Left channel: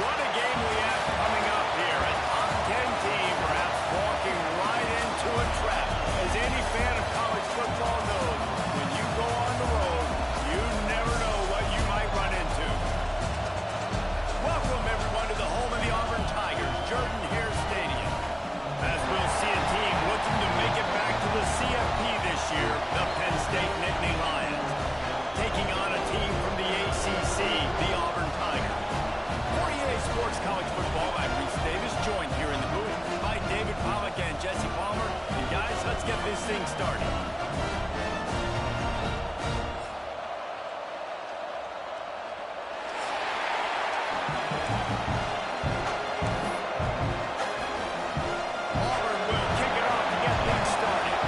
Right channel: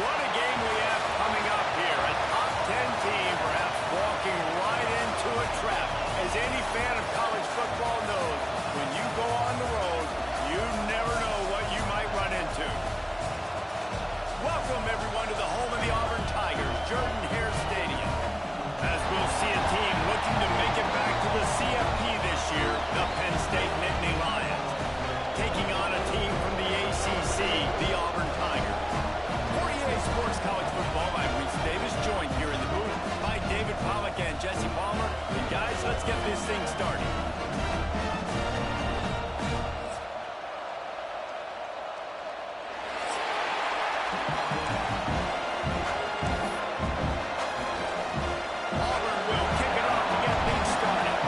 What a game we have coming up here. A top 10 team perhaps walking right into a trap. As any fan of college football knows, when you go on the road, you never know what you might run into. Welcome, everyone, to the home of the Auburn Tigers, Jordan-Hare Stadium. As we'll see a team looking to make it back to the CFP this year, the Penn State Nittany Lions. Taking on a team from the ACC, the Auburn Tigers. For EA Sports College Football, I'm Reese Davis, joined here in the booth by David Pollack and Jesse Palmer. And guys, let's get this thing started. Auburn will kick it off to get things started.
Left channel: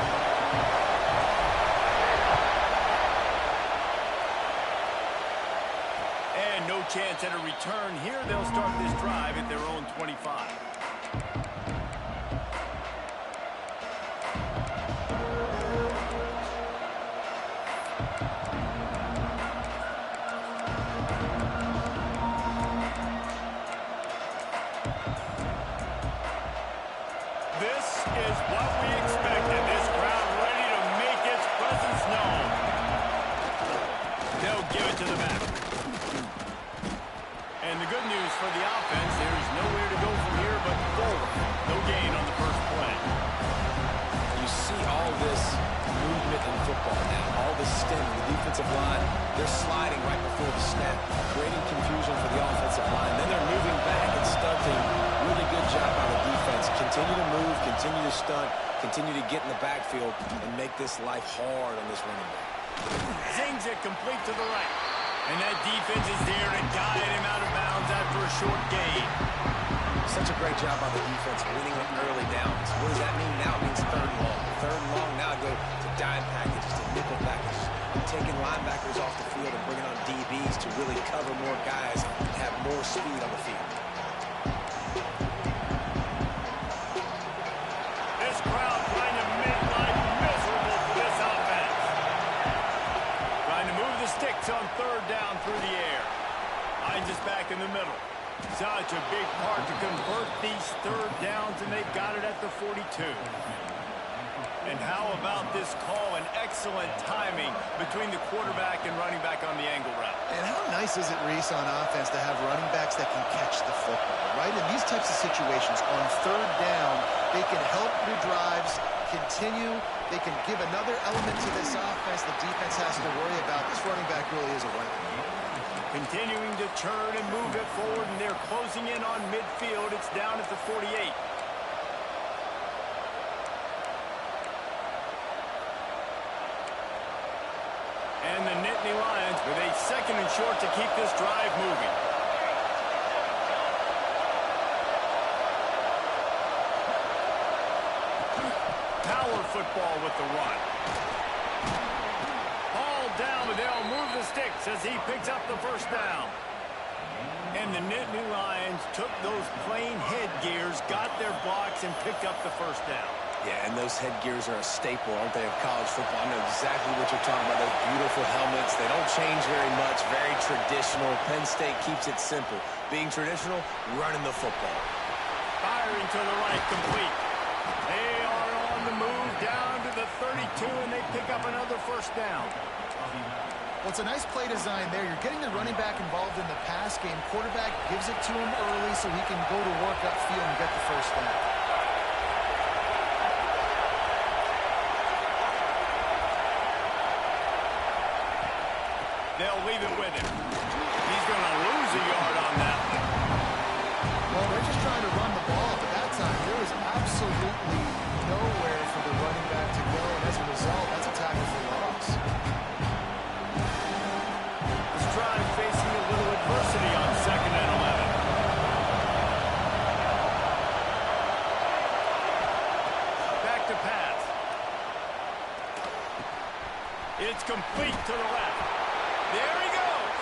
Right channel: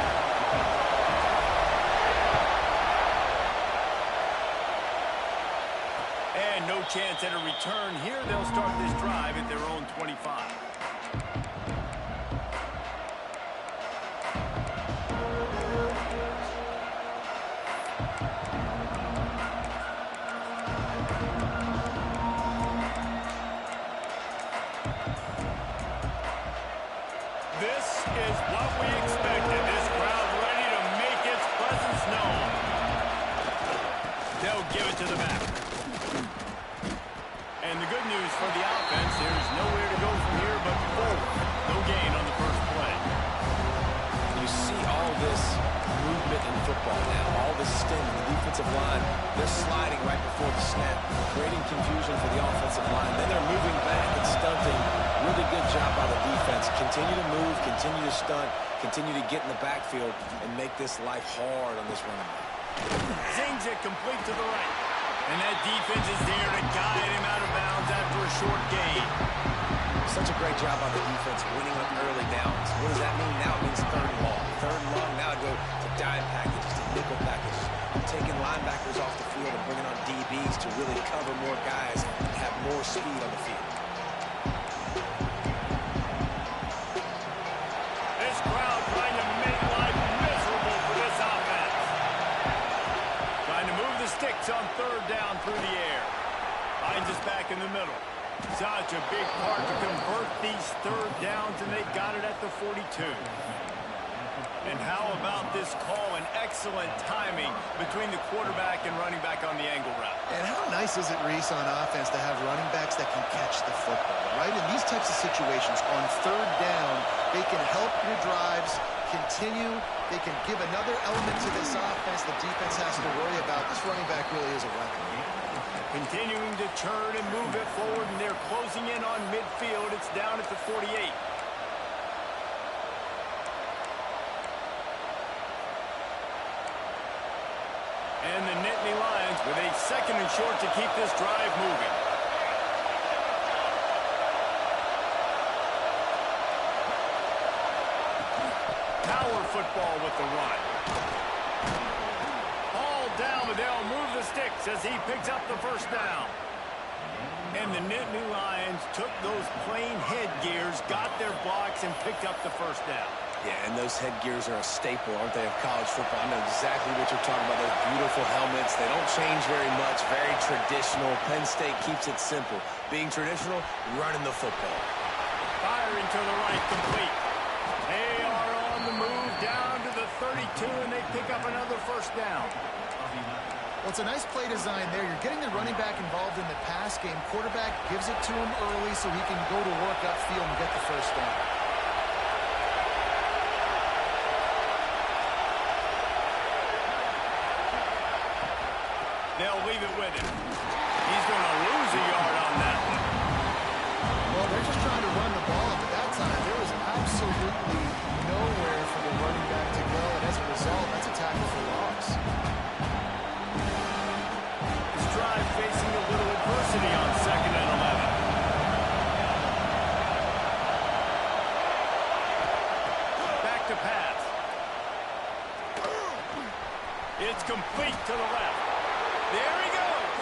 And no chance at a return here. They'll start this drive at their own 25. This is what we expected. This crowd ready to make its presence known. They'll give it to the back. And the good news for the offense, there's nowhere to go from here but forward. No gain on the first play. You see all this movement in football now. All the stem, the defensive line, they're sliding right before the snap, creating confusion for the offensive line. Then they're moving back and stunting. Really good job by the defense. Continue to move, continue to stunt, continue to get in the backfield, and make this life hard on this running back. Zings it complete to the right. And that defense is there to guide him out of bounds after a short gain. Such a great job by the defense winning on early downs. What does that mean now? It means third and long. Third and long, now go to dime packages, to nickel packages. I'm taking linebackers off the field and bringing on DBs to really cover more guys and have more speed on the field. This crowd trying to make life miserable for this offense. Trying to move the sticks on third down through the air. Hines is back in the middle. Such a big part to convert these third downs, and they've got it at the 42. And how about this call and excellent timing between the quarterback and running back on the angle route. And how nice is it, Reese, on offense to have running backs that can catch the football, right? In these types of situations, on third down, they can help your drives continue. They can give another element to this offense the defense has to worry about. This running back really is a weapon. Continuing to turn and move it forward, and they're closing in on midfield. It's down at the 48. And the Nittany Lions with a second and short to keep this drive moving. Power football with the run. Ball down, but they'll move the sticks as he picks up the first down. And the Nittany Lions took those plain headgears, got their blocks, and picked up the first down. Yeah, and those headgears are a staple, aren't they, of college football? I know exactly what you're talking about, those beautiful helmets. They don't change very much, very traditional. Penn State keeps it simple. Being traditional, running the football. Firing to the right, complete. They are on the move down to the 32, and they pick up another first down. Well, it's a nice play design there. You're getting the running back involved in the pass game. Quarterback gives it to him early so he can go to work upfield and get the first down. They'll leave it with him. He's going to lose a yard on that one. Well, they're just trying to run the ball, but that time there was absolutely nowhere for the running back to go, and as a result, that's a tackle for loss. This drive facing a little adversity on 2nd and 11. Back to pass. It's complete to the left. There he goes.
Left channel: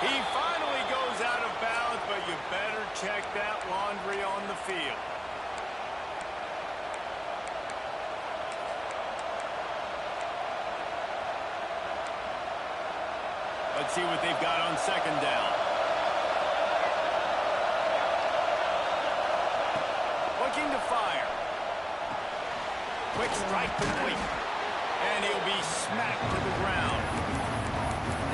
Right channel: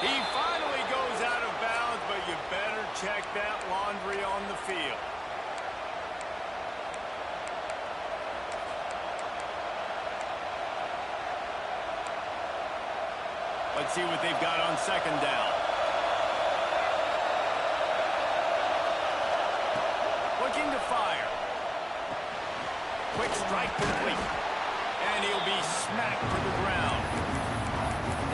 He finally goes out of bounds, but you better check that laundry on the field. Let's see what they've got on 2nd down. looking to fire. Quick strike complete. And he'll be smacked to the ground.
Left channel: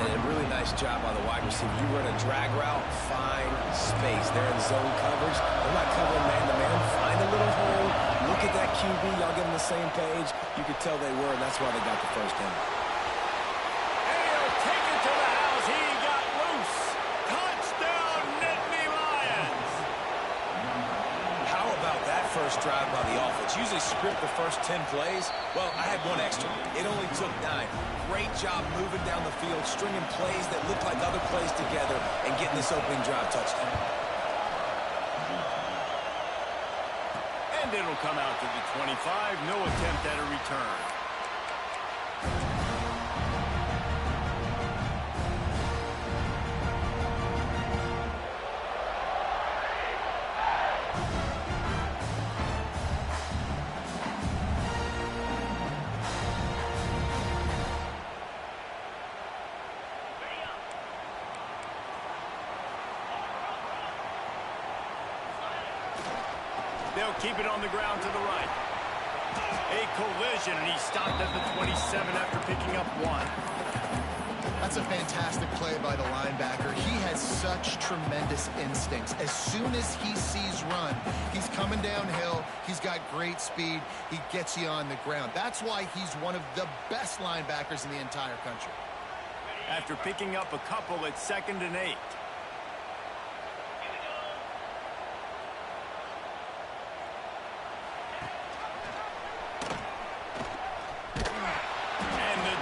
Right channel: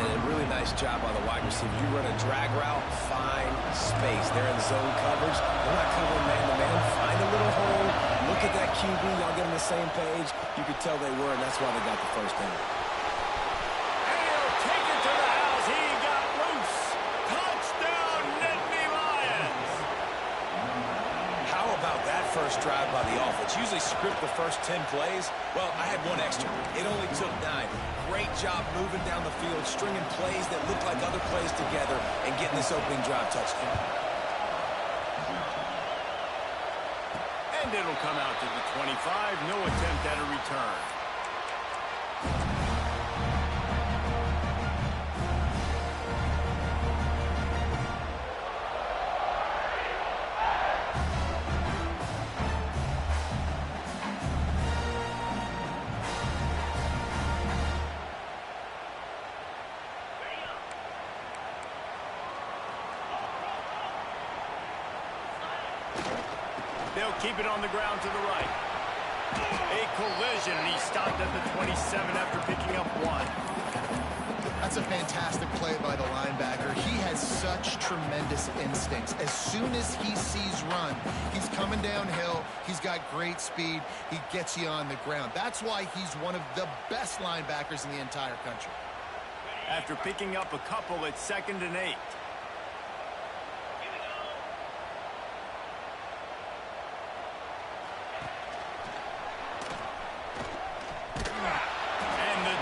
And a really nice job by the wide receiver. You run a drag route, find space. They're in zone coverage. They're not covering man-to-man. Find a little hole. Look at that QB. Y'all get on the same page. You could tell they were, and that's why they got the first down. And he'll take it to the house. He got loose. Touchdown, Nittany Lions. How about that first drive by the offense? Usually script the first 10 plays. Well, I had one extra. It only took 9. Great job moving down the field, stringing plays that look like other plays together, and getting this opening drive touchdown. And it'll come out to the 25. No attempt at a return. They'll keep it on the ground to the right. A collision, and he stopped at the 27 after picking up 1. That's a fantastic play by the linebacker. He has such tremendous instincts. As soon as he sees run, he's coming downhill. He's got great speed. He gets you on the ground. That's why he's one of the best linebackers in the entire country. After picking up a couple at 2nd and 8.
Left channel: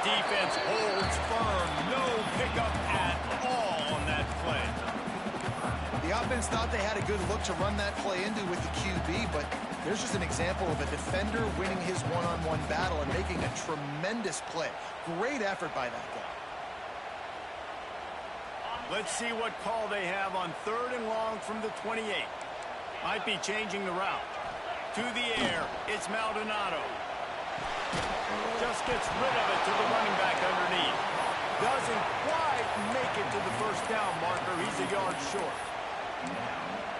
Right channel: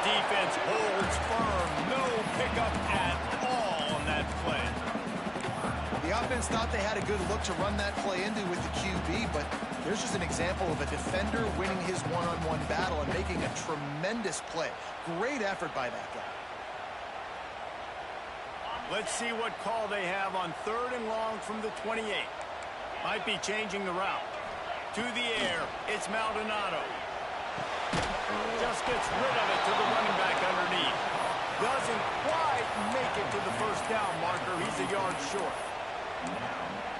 Defense holds firm. No pickup at all on that play. The offense thought they had a good look to run that play into with the QB, but there's just an example of a defender winning his one-on-one battle and making a tremendous play. Great effort by that guy. Let's see what call they have on 3rd and long from the 28. Might be changing the route. To the air, it's Maldonado. Just gets rid of it to the running back underneath. Doesn't quite make it to the first down marker. He's a yard short.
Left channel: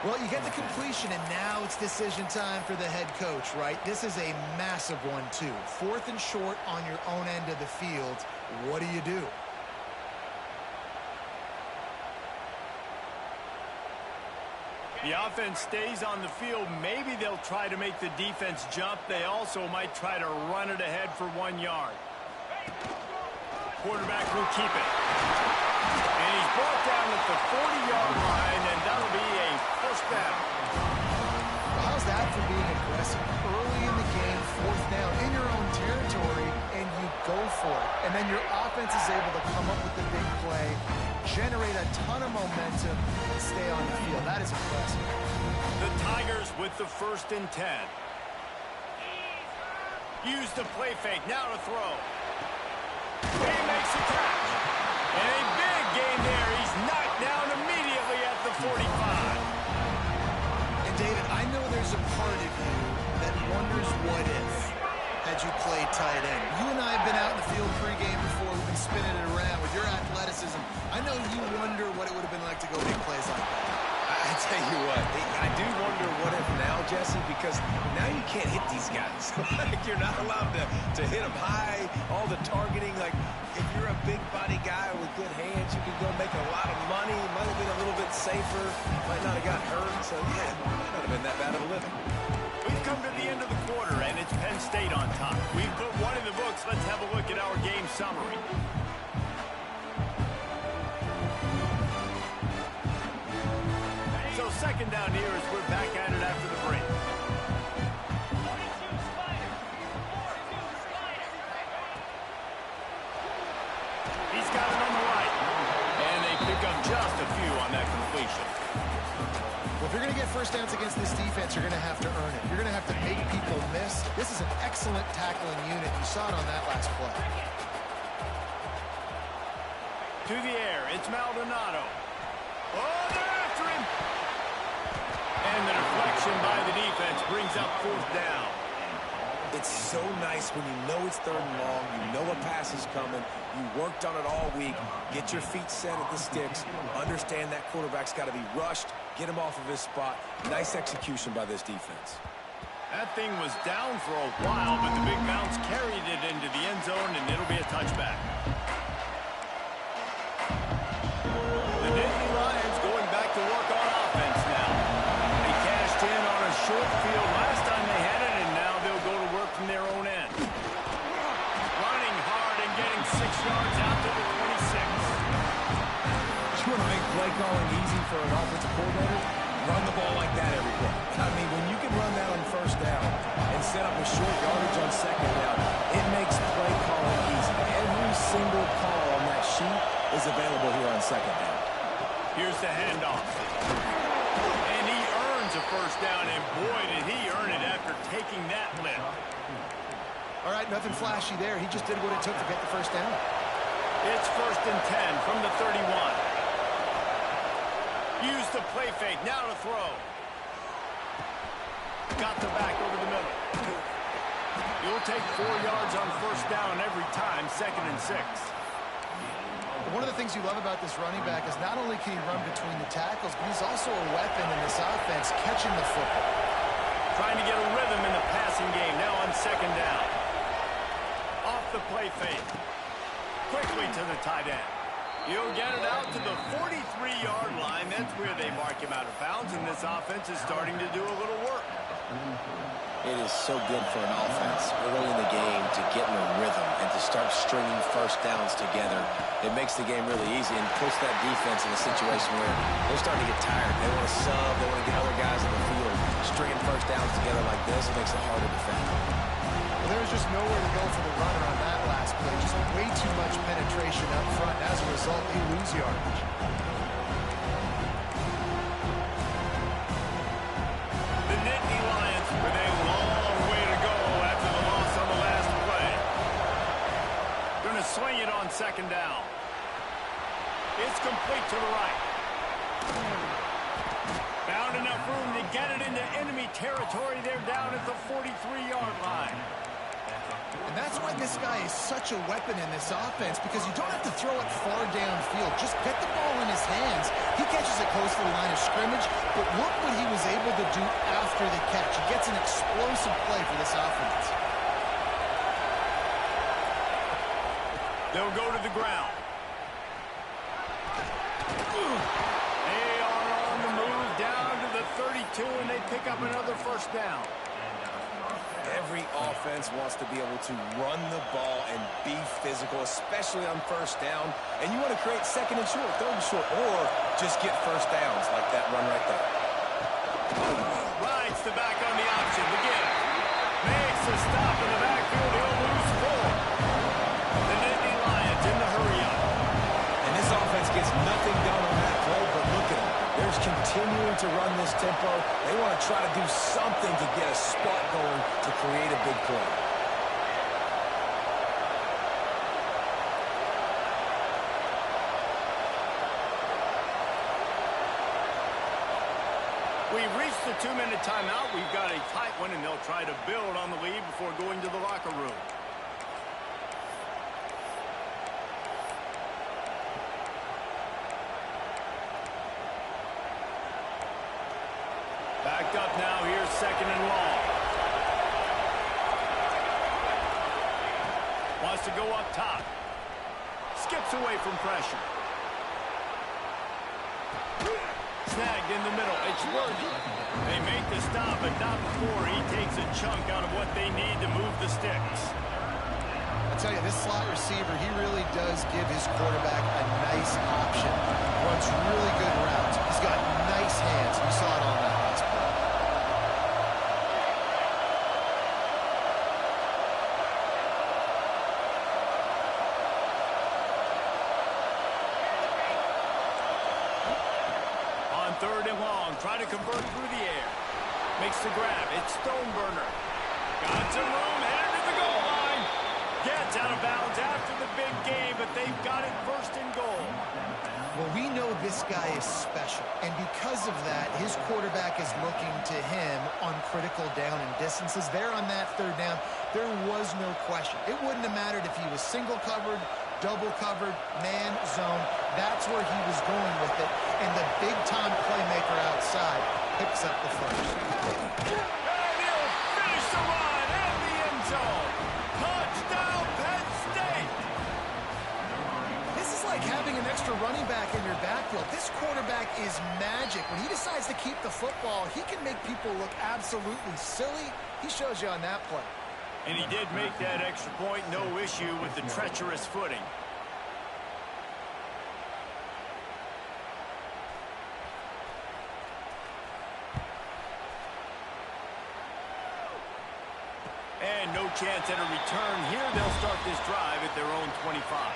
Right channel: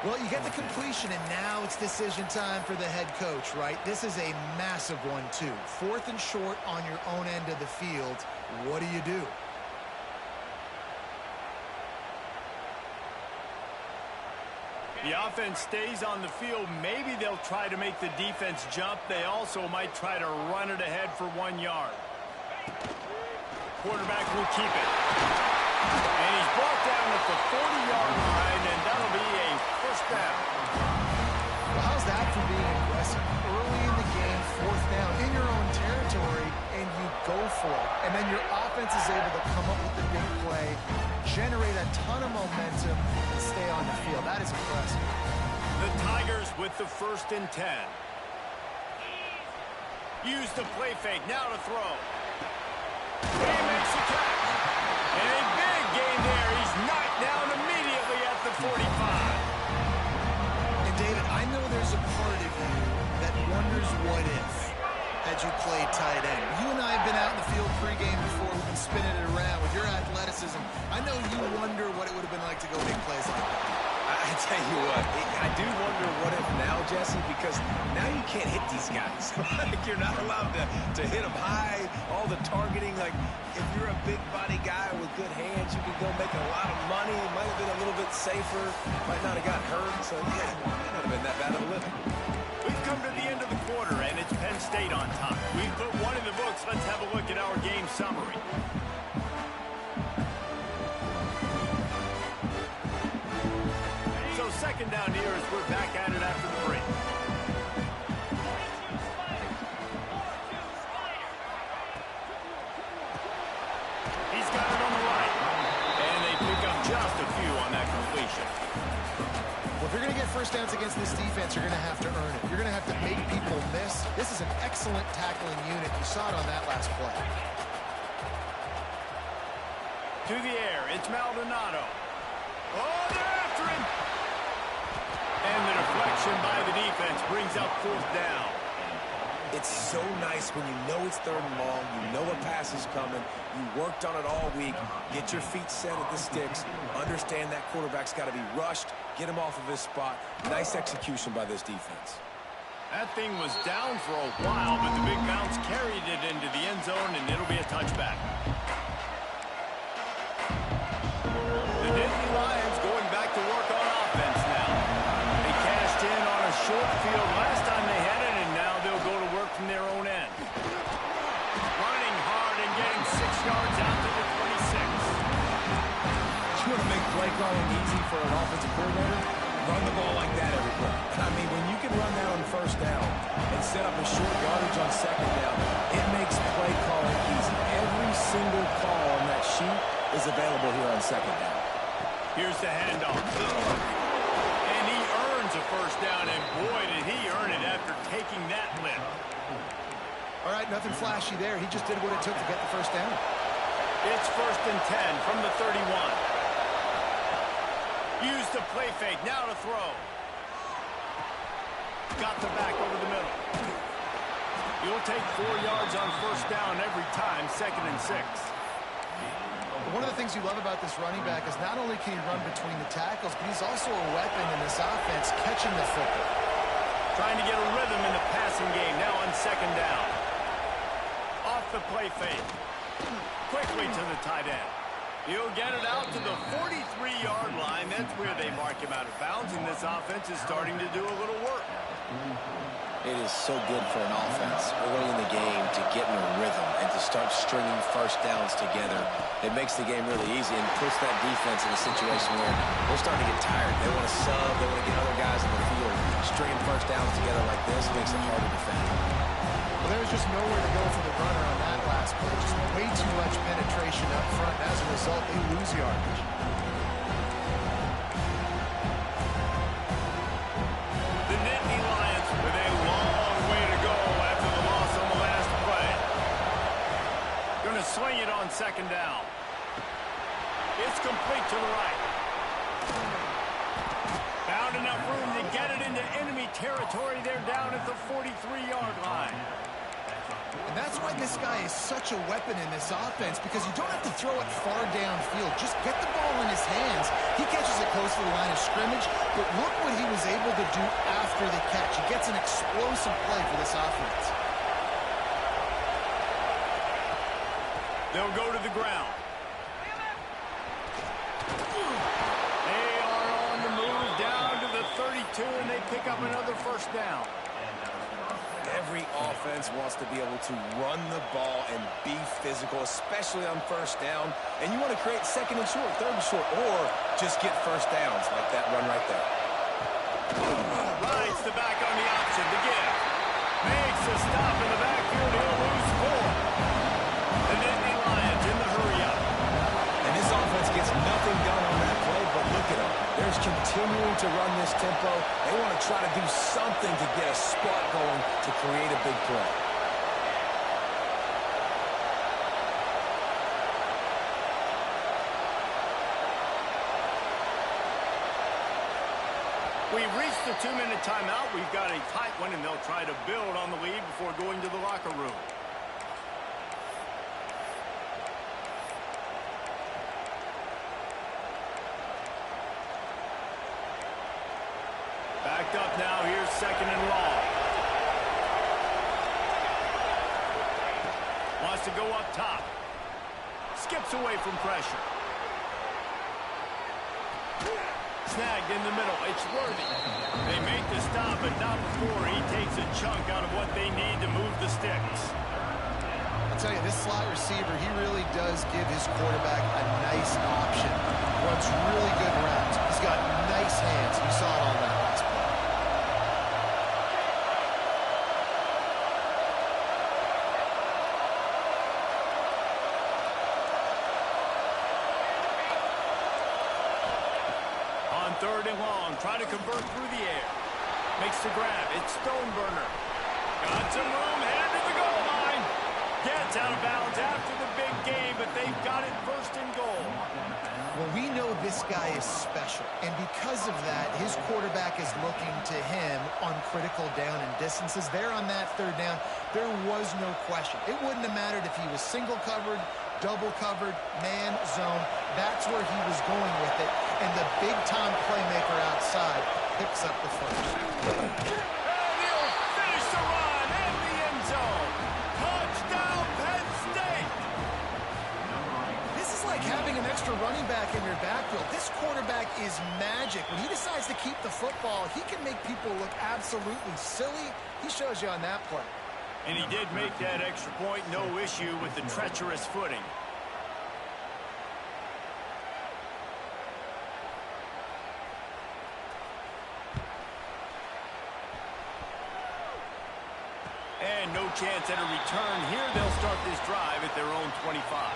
Well, you get the completion, and now it's decision time for the head coach, right? This is a massive one, too. 4th and short on your own end of the field. What do you do? The offense stays on the field. Maybe they'll try to make the defense jump. They also might try to run it ahead for 1 yard. Quarterback will keep it. And he's brought down at the 40-yard line, and that'll be a first down. Well, how's that for being aggressive? Early in the game, 4th down, in your own territory, and you go for it. And then your offense is able to come up with the big play, generate a ton of momentum, and stay on the field. That is impressive. The Tigers with the 1st and 10. Use the play fake, now to throw. He makes the catch. And a big gain there. He's knocked down immediately at the 45. And David, I know there's a part of you that wonders what if had you played tight end. You and I have been out in the field pregame before. We've been spinning it around with your athleticism. I know you wonder what it would have been like to go make plays like that. I tell you what, I do wonder what if now, Jesse, because now you can't hit these guys. Like, you're not allowed to hit them high, all the targeting. Like, if you're a big body guy with good hands, you can go make a lot of money. Might have been a little bit safer. Might not have got hurt. So, yeah, it might not have been that bad of a living. We've come to the end of the quarter, and it's Penn State on top. We've put 1 in the books. Let's have a look at our game summary. So 2nd down here as we're back at it after the break. He's got it on the right. And they pick up just a few on that completion. Well, if you're going to get first downs against this defense, you're going to have to earn it. You're going to have to make people miss. This is an excellent tackling unit. You saw it on that last play. To the air, it's Maldonado. Oh, they're after him. And the deflection by the defense brings up 4th down. It's so nice when you know it's 3rd and long, you know a pass is coming, you worked on it all week, get your feet set at the sticks, understand that quarterback's got to be rushed, get him off of his spot. Nice execution by this defense. That thing was down for a while, but the big bounce carried it into the end zone, and it'll be a touchback. The Nittany Lions going back to work on offense now. They cashed in on a short field last time they had it, and now they'll go to work from their own end. Running hard and getting 6 yards out to the 26. You want to make play calling easy for an offensive coordinator? Run the ball like that every play. I mean, when you can run that on first down and set up a short yardage on second down, it makes play calling easy. Every single call on that sheet is available here on second down. Here's the handoff. And he earns a first down, and boy, did he earn it after taking that lift. All right, nothing flashy there. He just did what it took to get the first down. It's 1st and 10 from the 31. Use the play fake. Now to throw. Got the back over the middle. You'll take 4 yards on first down every time, 2nd and 6. One of the things you love about this running back is not only can he run between the tackles, but he's also a weapon in this offense, catching the football. Trying to get a rhythm in the passing game now on 2nd down. Off the play fake. Quickly to the tight end. He'll get it out to the 43-yard line. That's where they mark him out of bounds, and this offense is starting to do a little work. It is so good for an offense early in the game to get in a rhythm and to start stringing first downs together. It makes the game really easy and puts that defense in a situation where they're starting to get tired. They want to sub. They want to get other guys in the field. Stringing first downs together like this makes it harder to defend. Well, there was just nowhere to go for the runner on that last play. Just way too much penetration up front. And as a result, they lose yardage. The Nittany Lions with a long way to go after the loss on the last play. Going to swing it on 2nd down. It's complete to the right. Found enough room to get it into enemy territory. They're down at the 43-yard line. And that's why this guy is such a weapon in this offense, because you don't have to throw it far downfield. Just get the ball in his hands. He catches it close to the line of scrimmage, but look what he was able to do after the catch. He gets an explosive play for this offense. They'll go to the ground. They are on the move down to the 32, and they pick up another first down. Every offense wants to be able to run the ball and be physical, especially on first down. And you want to create 2nd and short, 3rd and short, or just get first downs like that run right there. Rides the back on the option. The give. Makes a stop in the backfield. He'll lose 4. The Nittany Lions in the hurry-up. And this offense gets nothing done on that play, but look at them. They're continuing to run this tempo. They want to try to do something to get a spark going to create a big play. We've reached the 2-minute timeout. We've got a tight one, and they'll try to build on the lead before going to the locker room. Backed up now. Here's 2nd and long. Wants to go up top. Skips away from pressure. Snagged in the middle. It's Worthy. They make the stop, but not before he takes a chunk out of what they need to move the sticks. I tell you, this slot receiver, he really does give his quarterback a nice option. Runs really good routes. He's got nice hands. You saw it on that last play. On 3rd and long, trying to convert through the air. Makes the grab. It's Stoneburner. Got some room, headed to the goal line. Gets out of bounds after the big game, but they've got it 1st and goal. Well, we know this guy is special, and because of that, his quarterback is looking to him on critical down and distances. There on that 3rd down, there was no question. It wouldn't have mattered if he was single covered, double covered, man, zone. That's where he was going with it, and the big-time playmaker outside picks up the first. And he'll makes a run in the end zone. Touchdown, Penn State. This is like having an extra running back in your backfield. This quarterback is magic. When he decides to keep the football, he can make people look absolutely silly. He shows you on that play. And he did make that extra point, no issue with the treacherous footing. And no chance at a return here. They'll start this drive at their own 25.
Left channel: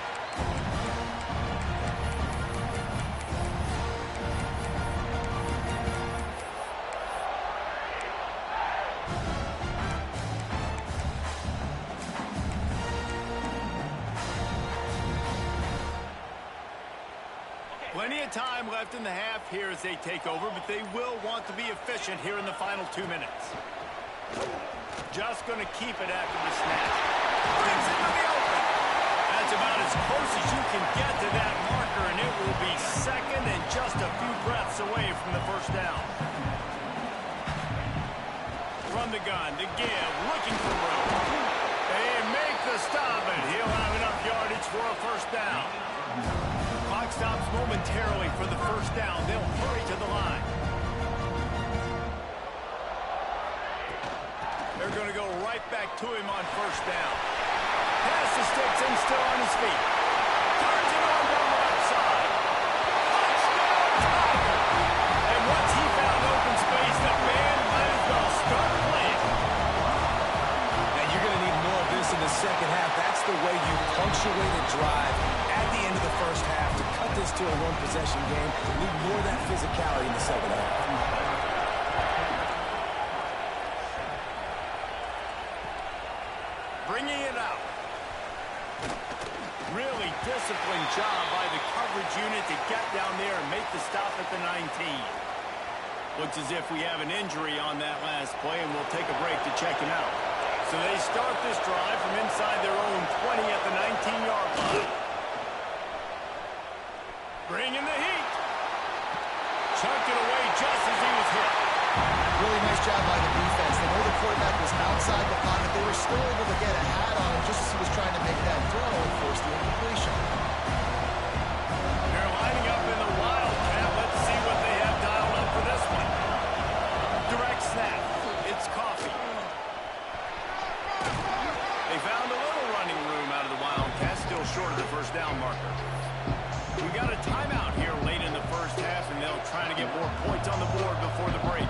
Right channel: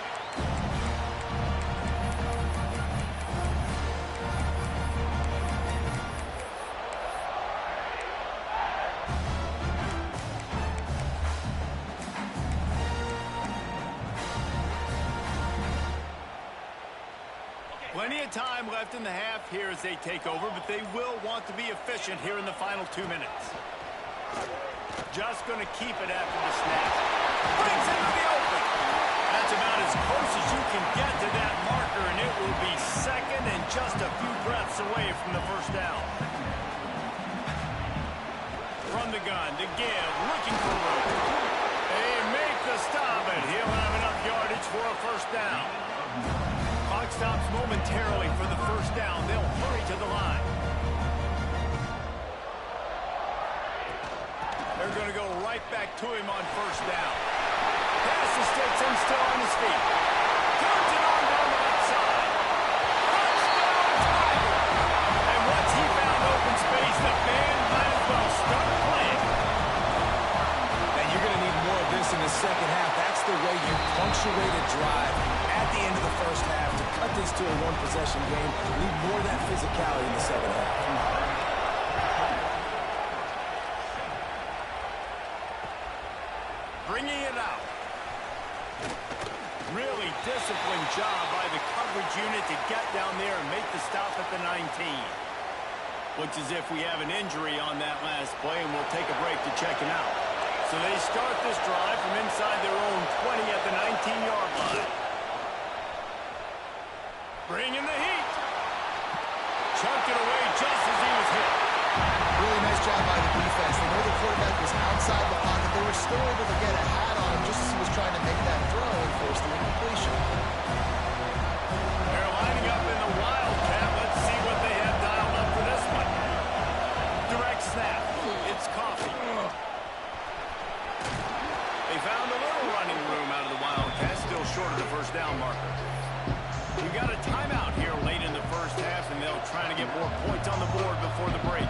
Plenty of time left in the half here as they take over, but they will want to be efficient here in the final 2 minutes. Just going to keep it after the snap. Brings into the open. That's about as close as you can get to that marker, and it will be second and just a few breaths away from the first down. From the gun, to give, looking for room. They make the stop, and he'll have enough yardage for a first down. Clock stops momentarily for the first down. They'll hurry to the line. They're going to go right back to him on first down. Passes takes him still on his feet. Turns it on down the left side. Touchdown, Tiger! And once he found open space, the band might as well start playing. Now you're going to need more of this in the second half. That's the way you punctuate a drive at the end of the first half. To cut this to a one-possession game, you need more of that physicality in the second half. Bringing it out. Really disciplined job by the coverage unit to get down there and make the stop at the 19. Looks as if we have an injury on that last play, and we'll take a break to check him out. So they start this drive from inside their own 20 at the 19-yard line. Bringing the heat. Chunked it away just as he was hit. Really nice job by the defense. They know the quarterback was outside the pocket. They were still able to get a hat on him just as he was trying to make that throw and force the incompletion. They're lining up in the Wildcat. Let's see what they have dialed up for this one. Direct snap. It's Coffee. They found a little running room out of the Wildcats, still short of the first down marker. We got a timeout here late in the first half, and they'll try to get more points on the board before the break.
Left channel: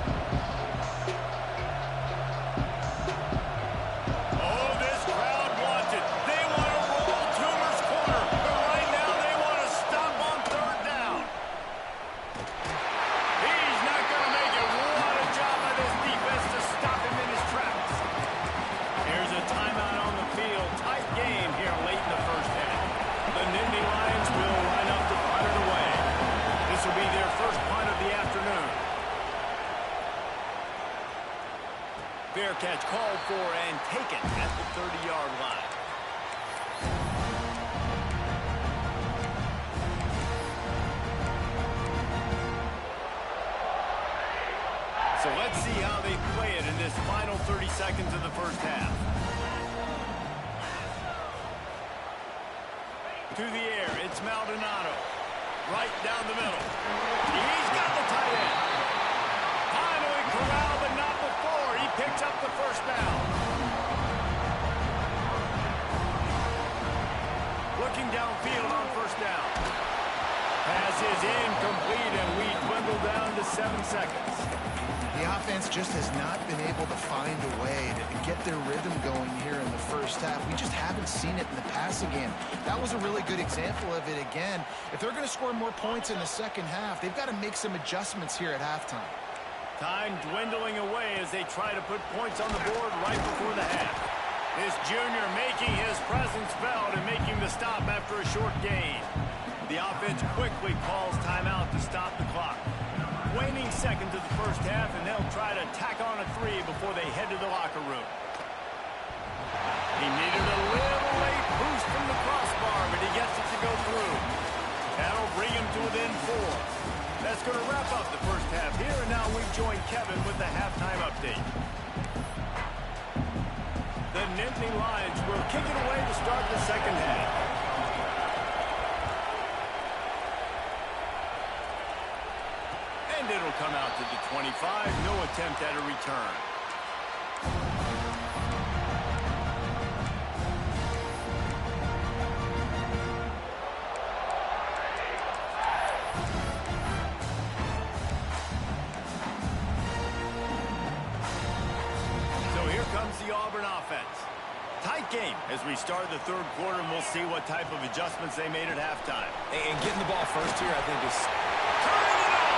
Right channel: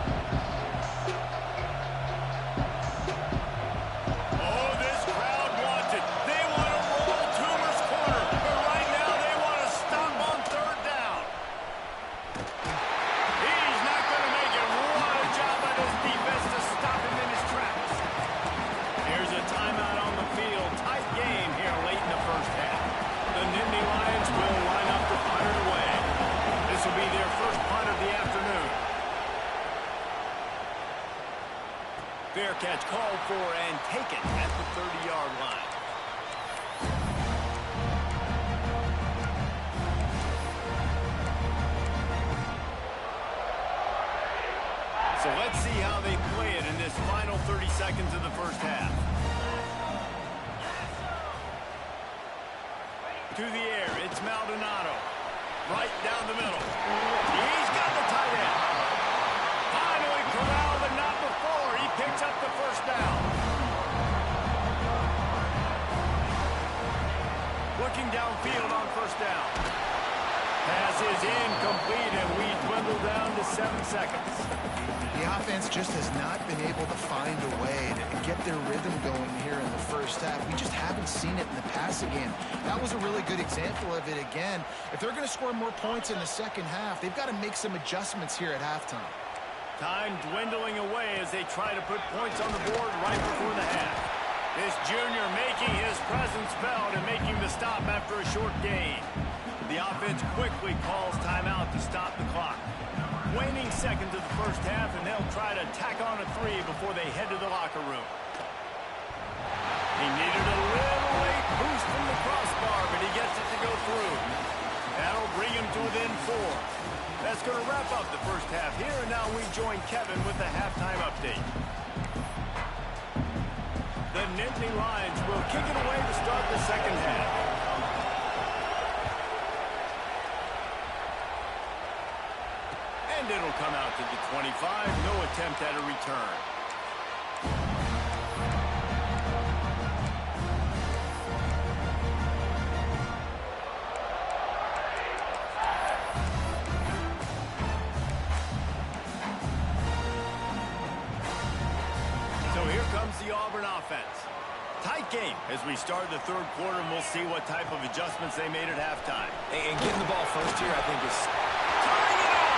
Oh, this crowd wants it. They want to roll Toomer's corner, but right now they want to stop on third down. He's not going to make it. What a job by this defense to stop him in his tracks. Here's a timeout on the field. Tight game here late in the first half. The Nittany Lions will line up to punt it away. This will be their first punt of the afternoon. Fair catch called for and taken at the 30-yard line. So let's see how they play it in this final 30 seconds of the first half. To the air, it's Maldonado. Right down the middle. He's got the tight end. Finally corralled, but not before. He picks up the first down. Looking downfield on first down. Pass is incomplete, and we dwindle down to 7 seconds. The offense just has not been able to find a way to get their rhythm going here in the first half. We just haven't seen it in the passing game. That was a really good example of it again. If they're going to score more points in the second half, they've got to make some adjustments here at halftime. Time dwindling away as they try to put points on the board right before the half. This junior making his presence felt and making the stop after a short gain. The offense quickly calls timeout to stop the clock. Waning seconds of the first half, and they'll try to tack on a 3 before they head to the locker room. He needed a little late boost from the crossbar, but he gets it to go through. That'll bring him to within 4. That's going to wrap up the first half here, and now we join Kevin with the halftime update. The Nittany Lions will kick it away to start the second half. And it'll come out to the 25. No attempt at a return. So here comes the Auburn offense. Tight game as we start the third quarter, and we'll see what type of adjustments they made at halftime. And getting the ball first here, I think, is Turning it on!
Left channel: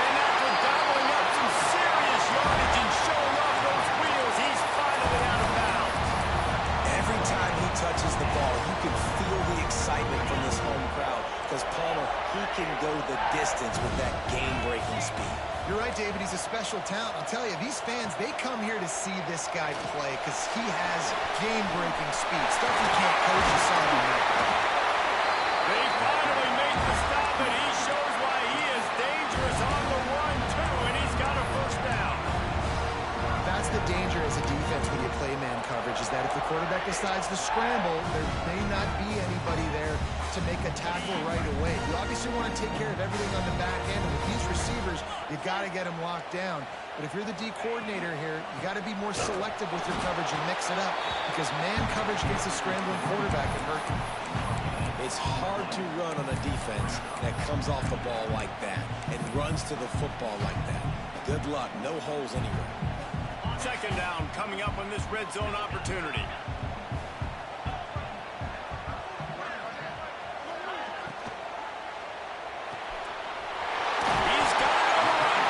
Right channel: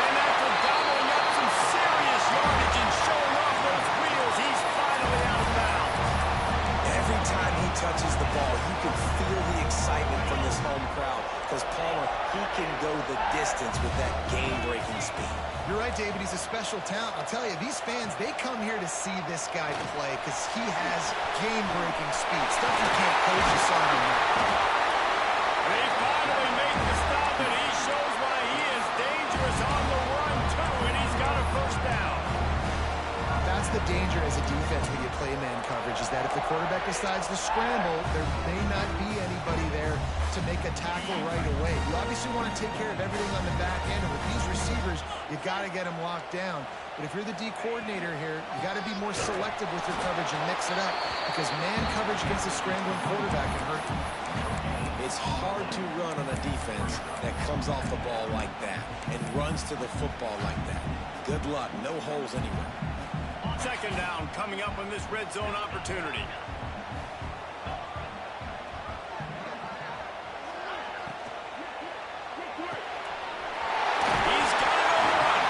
And after gobbling up some serious yardage and showing off those wheels, he's finally out of bounds. every time he touches the ball, you can feel the excitement from this home crowd because Palmer, he can go the distance with that game-breaking speed. You're right, David. He's a special talent. I'll tell you, these fans, they come here to see this guy play because he has game-breaking speed. Stuff you can't coach. You saw him that. They finally make the stop, and he shows why he is dangerous on the run, too, and he's got a first down. That's the danger as a defense when you play man coverage, is that if the quarterback decides to scramble, there may not be anybody there to make a tackle right away. You obviously want to take care of everything on the back end, and with these receivers, you got to get them locked down. But if you're the D coordinator here, you got to be more selective with your coverage and mix it up, because man coverage against a scrambling quarterback can hurt you. It's hard to run on a defense that comes off the ball like that and runs to the football like that. Good luck. No holes anywhere. Second down coming up on this red zone opportunity. He's got it on the run.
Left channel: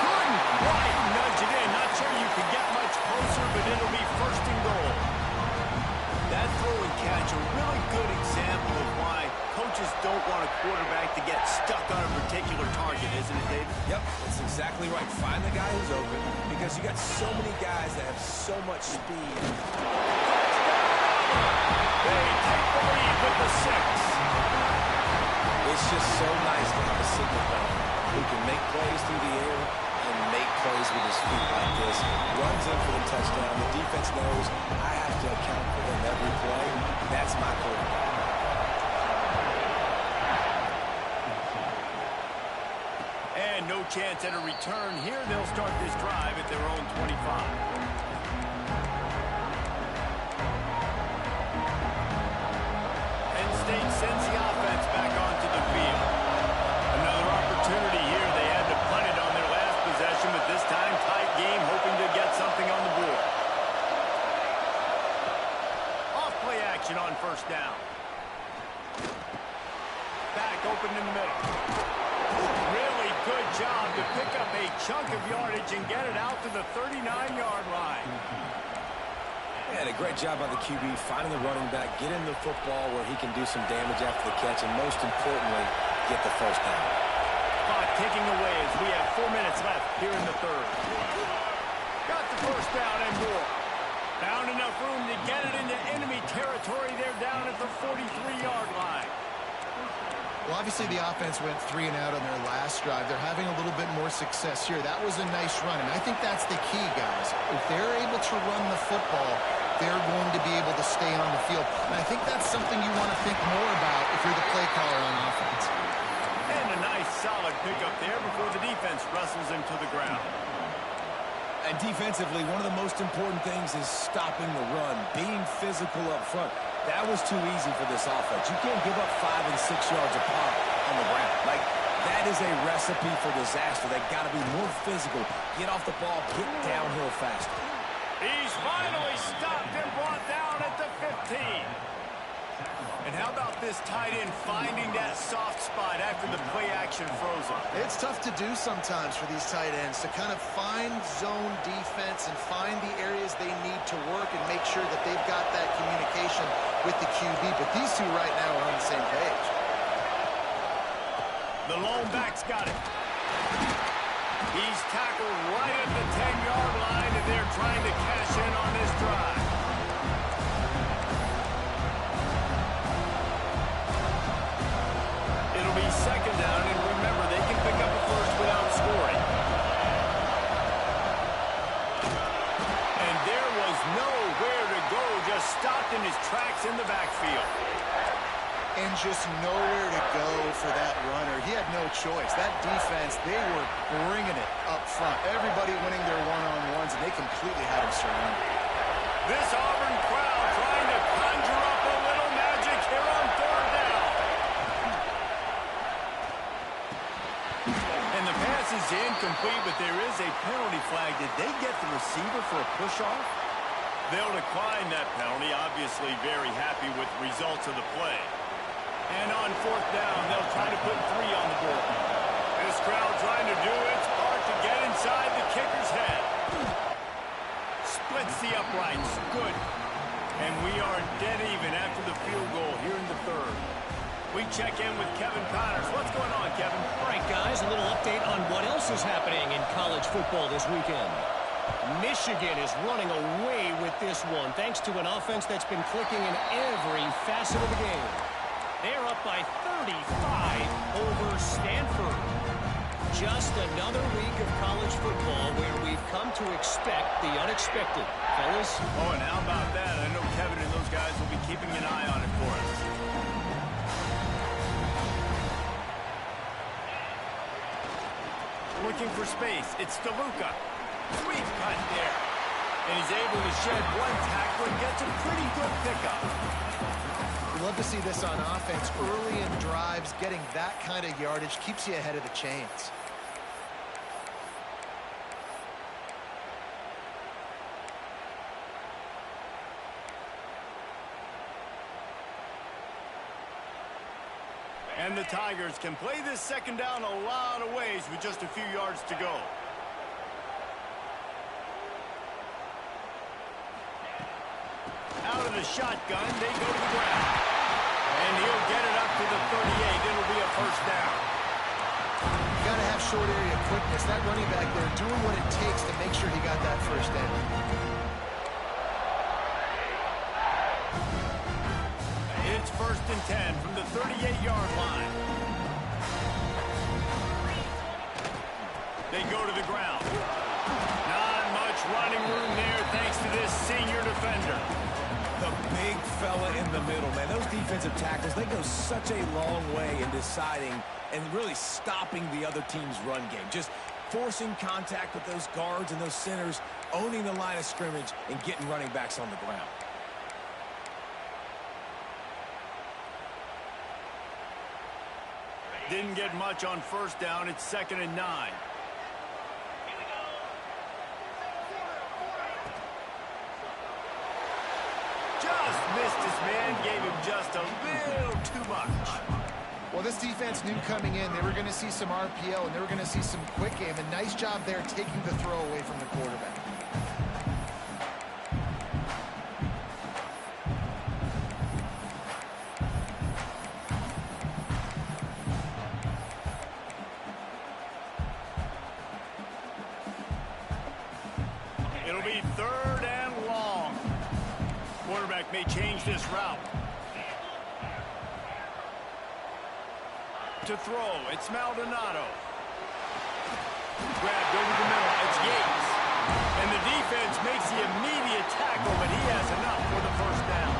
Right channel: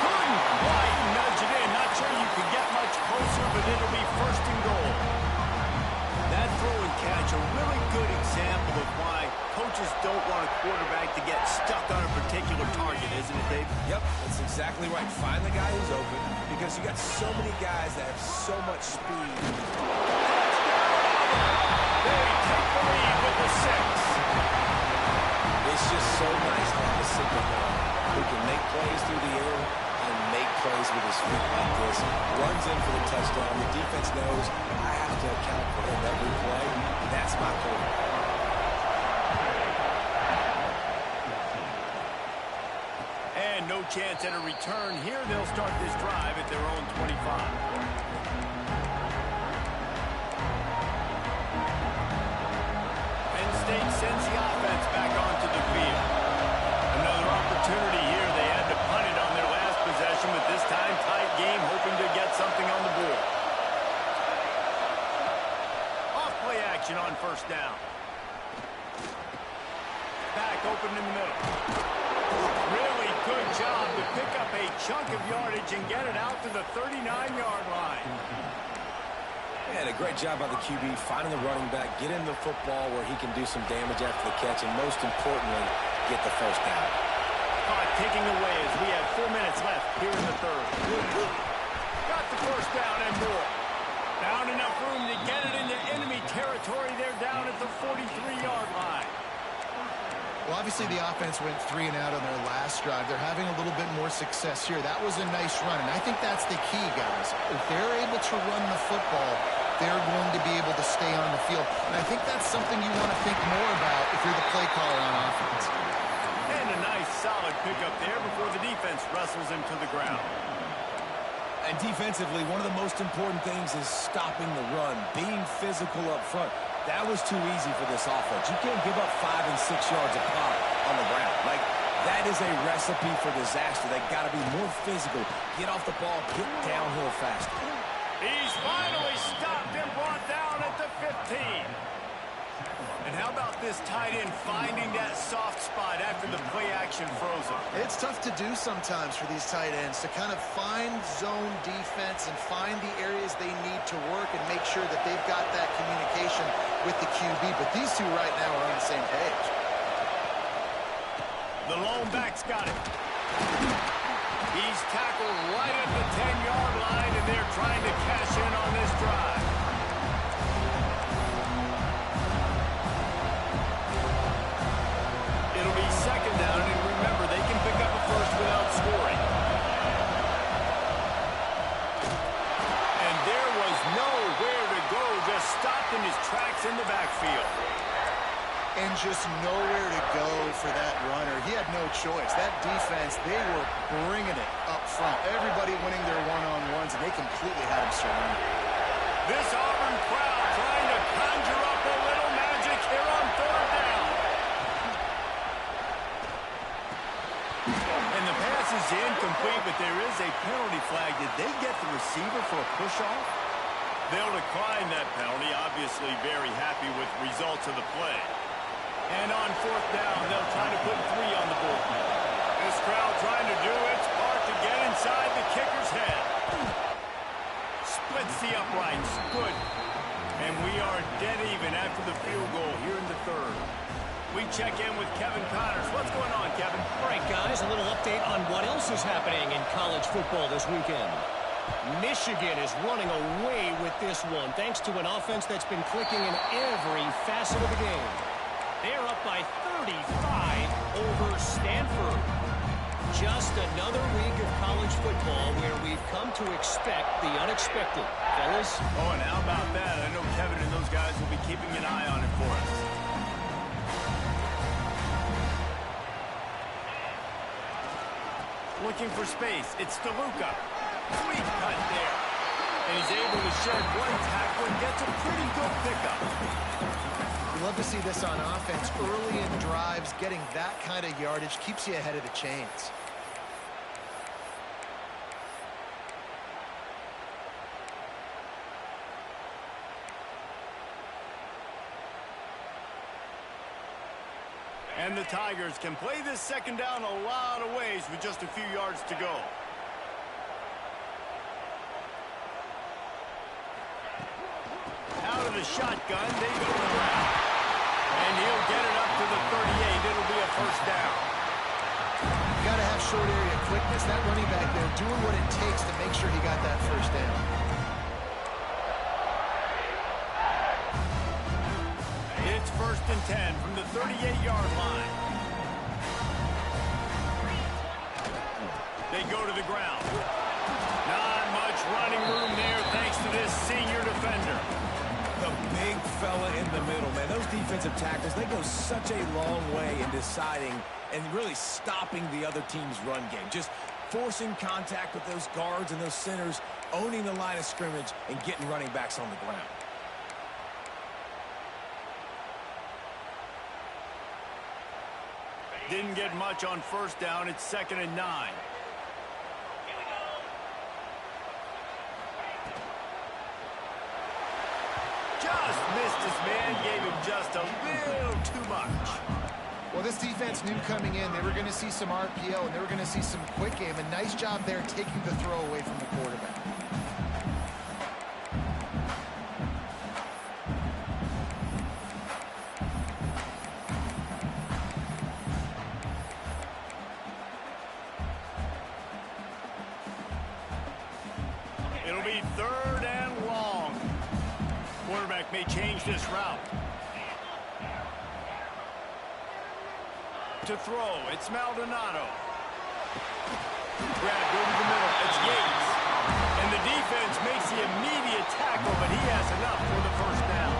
Couldn't quite nudge it in. Not sure you could get much closer, but it'll be first and goal. That throw and catch, a really good example of why coaches don't want a quarterback to get stuck on a particular target, isn't it, Dave? Yep, that's exactly right. Find the guy who's open because you got so many guys that have so much speed. Touchdown, Auburn! They take the lead with the 6. It's just so nice to have a signal man who can make plays through the air and make plays with his feet like this. Runs in for the touchdown. The defense knows I have to account for him every play. That's my quarterback. And no chance at a return here. They'll start this drive at their own 25. Penn State sends the offense back onto the field. Another opportunity here. They had to punt it on their last possession, but this time tight game, hoping to get something on the board. Off play action on first down. Back open in the middle. Really good job to pick up a chunk of yardage and get it out to the 39-yard line. Yeah, a great job by the QB finding the running back, getting the football where he can do some damage after the catch, and most importantly, get the first down. Clock ticking away as we have 4 minutes left here in the third. Got the first down and more. Found enough room to get it into enemy territory. They're down at the 43-yard line. Well, obviously the offense went 3 and out on their last drive. They're having a little bit more success here. That was a nice run, and I think that's the key, guys. If they're able to run the football, they're going to be able to stay on the field. And I think that's something you want to think more about if you're the play caller on offense. And a nice solid pickup there before the defense wrestles him to the ground. And defensively, one of the most important things is stopping the run, being physical up front. That was too easy for this offense. You can't give up 5 and 6 yards a pop on the ground. Like, that is a recipe for disaster. They got to be more physical. Get off the ball, get downhill faster. He's finally stopped and brought down at the 15. And how about this tight end finding that soft spot after the play action froze him? It's tough to do sometimes for these tight ends to kind of find zone defense and find the areas they need to work and make sure that they've got that communication with the QB. But these two right now are on the same page. The lone back's got it. He's tackled right at the 10-yard line, and they're trying to cash in on this drive. It'll be second down, and remember, they can pick up a first without scoring. nowhere to go, just stopped in his tracks in the backfield. And just nowhere to go for that runner. He had no choice. That defense, they were bringing it up front. Everybody winning their one-on-ones, and they completely had him surrounded. This Auburn crowd trying to conjure up a little magic here on third down. And the pass is incomplete, but there is a penalty flag. Did they get the receiver for a push-off? They'll decline that penalty, obviously very happy with the results of the play. And on fourth down, they'll try to put 3 on the board. This crowd trying to do its part to get inside the kicker's head. Splits the uprights. Good. And we are dead even after the field goal here in the third. We check in with Kevin Connors. What's going on, Kevin? All right, guys, a little update on what else is happening in college football this weekend. Michigan is running away with this one, thanks to an offense that's been clicking in every facet of the game. They're up by 35 over Stanford. Just another week of college football where we've come to expect the unexpected. Fellas? Oh, and how about that? I know Kevin and those guys will be keeping an eye on it for us. Looking for space. It's DeLuca. Sweet cut there. And he's able to shed one tackle and gets a pretty good pickup. We love to see this on offense. Early in drives, getting that kind of yardage keeps you ahead of the chains. And the Tigers can play this second down a lot of ways with just a few yards to go. Out of the shotgun, they go to the ground. And he'll get it up to the 38. It'll be a first down. You got to have short area quickness. That running back there doing what it takes to make sure he got that first down. It's 1st and 10 from the 38-yard line. They go to the ground. Not much running room there thanks to this senior defender. The big fella in the middle, man. Those defensive tackles, they go such a long way in deciding and really stopping the other team's run game. Just forcing contact with those guards and those centers, owning the line of scrimmage, and getting running backs on the ground. Didn't get much on first down. It's 2nd and 9. Just missed his man, gave him just a little too much. Well, this defense knew coming in they were going to see some RPO and they were going to see some quick game. A nice job there taking the throw away from the quarterback. It'll be 3rd and long. Quarterback may change this route. To throw, it's Maldonado. Grabbed over the middle, it's Yates. And the defense makes the immediate tackle, but he has enough for the first down.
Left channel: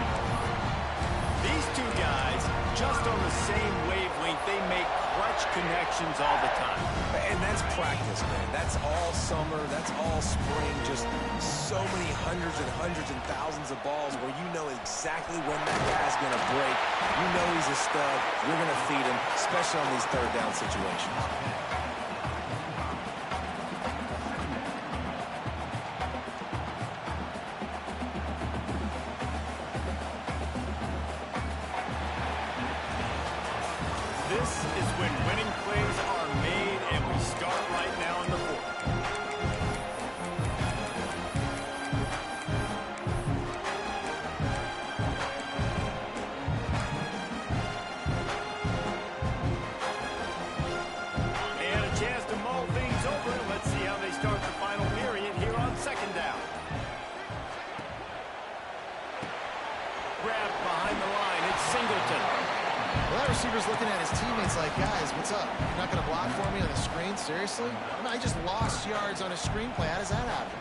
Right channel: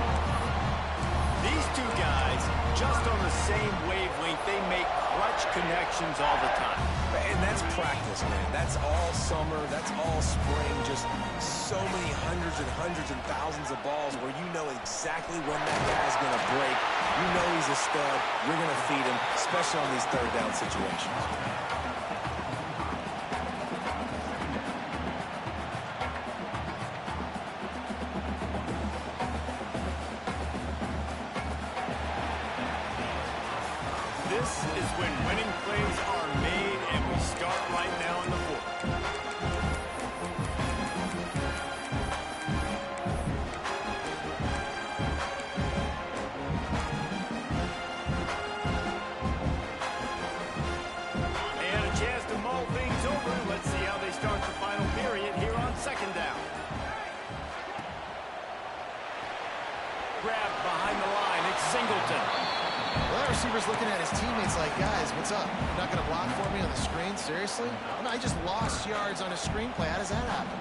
These two guys, just on the same wavelength, they make clutch connections all the time. And that's practice, man. That's all summer. That's all spring. Just so many hundreds and thousands of balls where you know exactly when that guy's going to break. You know he's a stud. You're going to feed him, especially on these third down situations. This is when winning plays are made, and we start right now in the 4th. And a chance to mull things over. Let's see how they start the final period here on 2nd down. Grabbed behind the line. It's Singleton. Well, that receiver's looking at his teammates like, guys, what's up? You're not going to block for me on the screen? Seriously? I just lost yards on a screen play. How does that happen?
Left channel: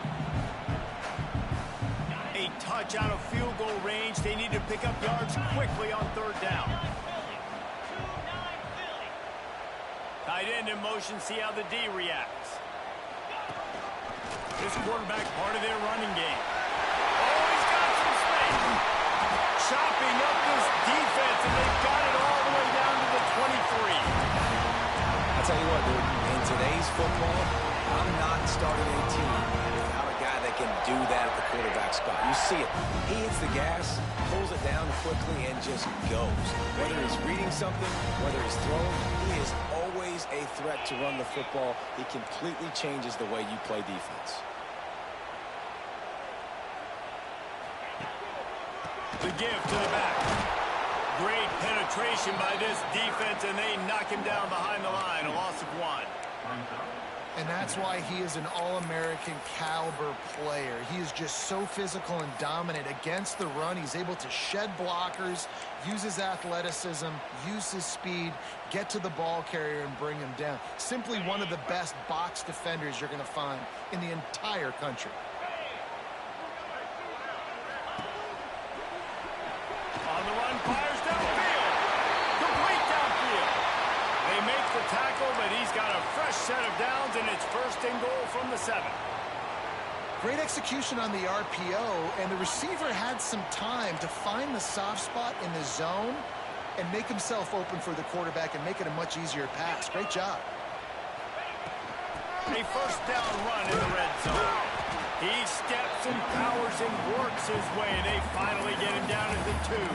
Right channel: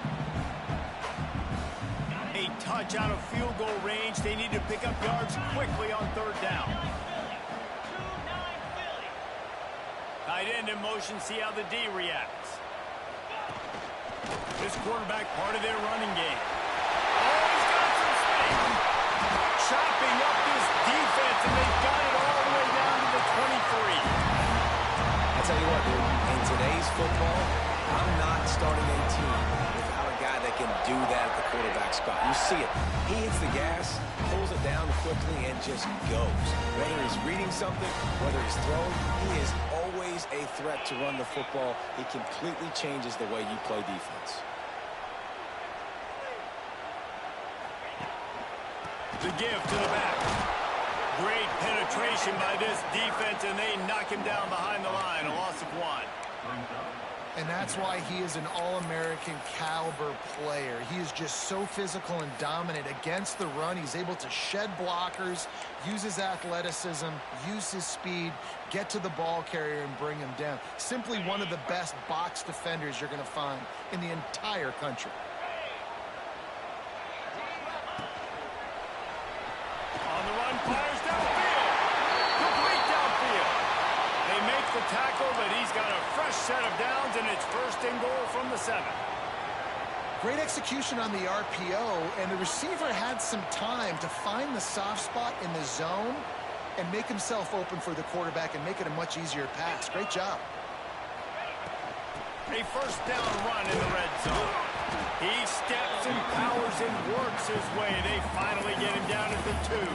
A touch out of field goal range. They need to pick up yards quickly on third down. Tight end in motion, see how the D reacts. This quarterback part of their running game. Oh, he's got some space. Chopping up this defense, and they've got it all the way down to the 23. I'll tell you what, dude, in today's football, I'm not starting a team without a guy that can do that at the quarterback spot. You see it. He hits the gas, pulls it down quickly, and just goes. Whether he's reading something, whether he's throwing, he is always a threat to run the football. He completely changes the way you play defense. The give to the back. Great penetration by this defense, and they knock him down behind the line. A loss of 1. And that's why he is an All-American caliber player. He is just so physical and dominant against the run. He's able to shed blockers, use his athleticism, use his speed, get to the ball carrier and bring him down. Simply one of the best box defenders you're going to find in the entire country. On the run, fires downfield. Complete downfield. They make the tackle, but he's got a fresh set of downs, and it's first and goal from the 7. Great execution on the RPO, and the receiver had some time to find the soft spot in the zone and make himself open for the quarterback and make it a much easier pass. Great job. A first down run in the red zone. He steps and powers and works his way. They finally get him down at the 2.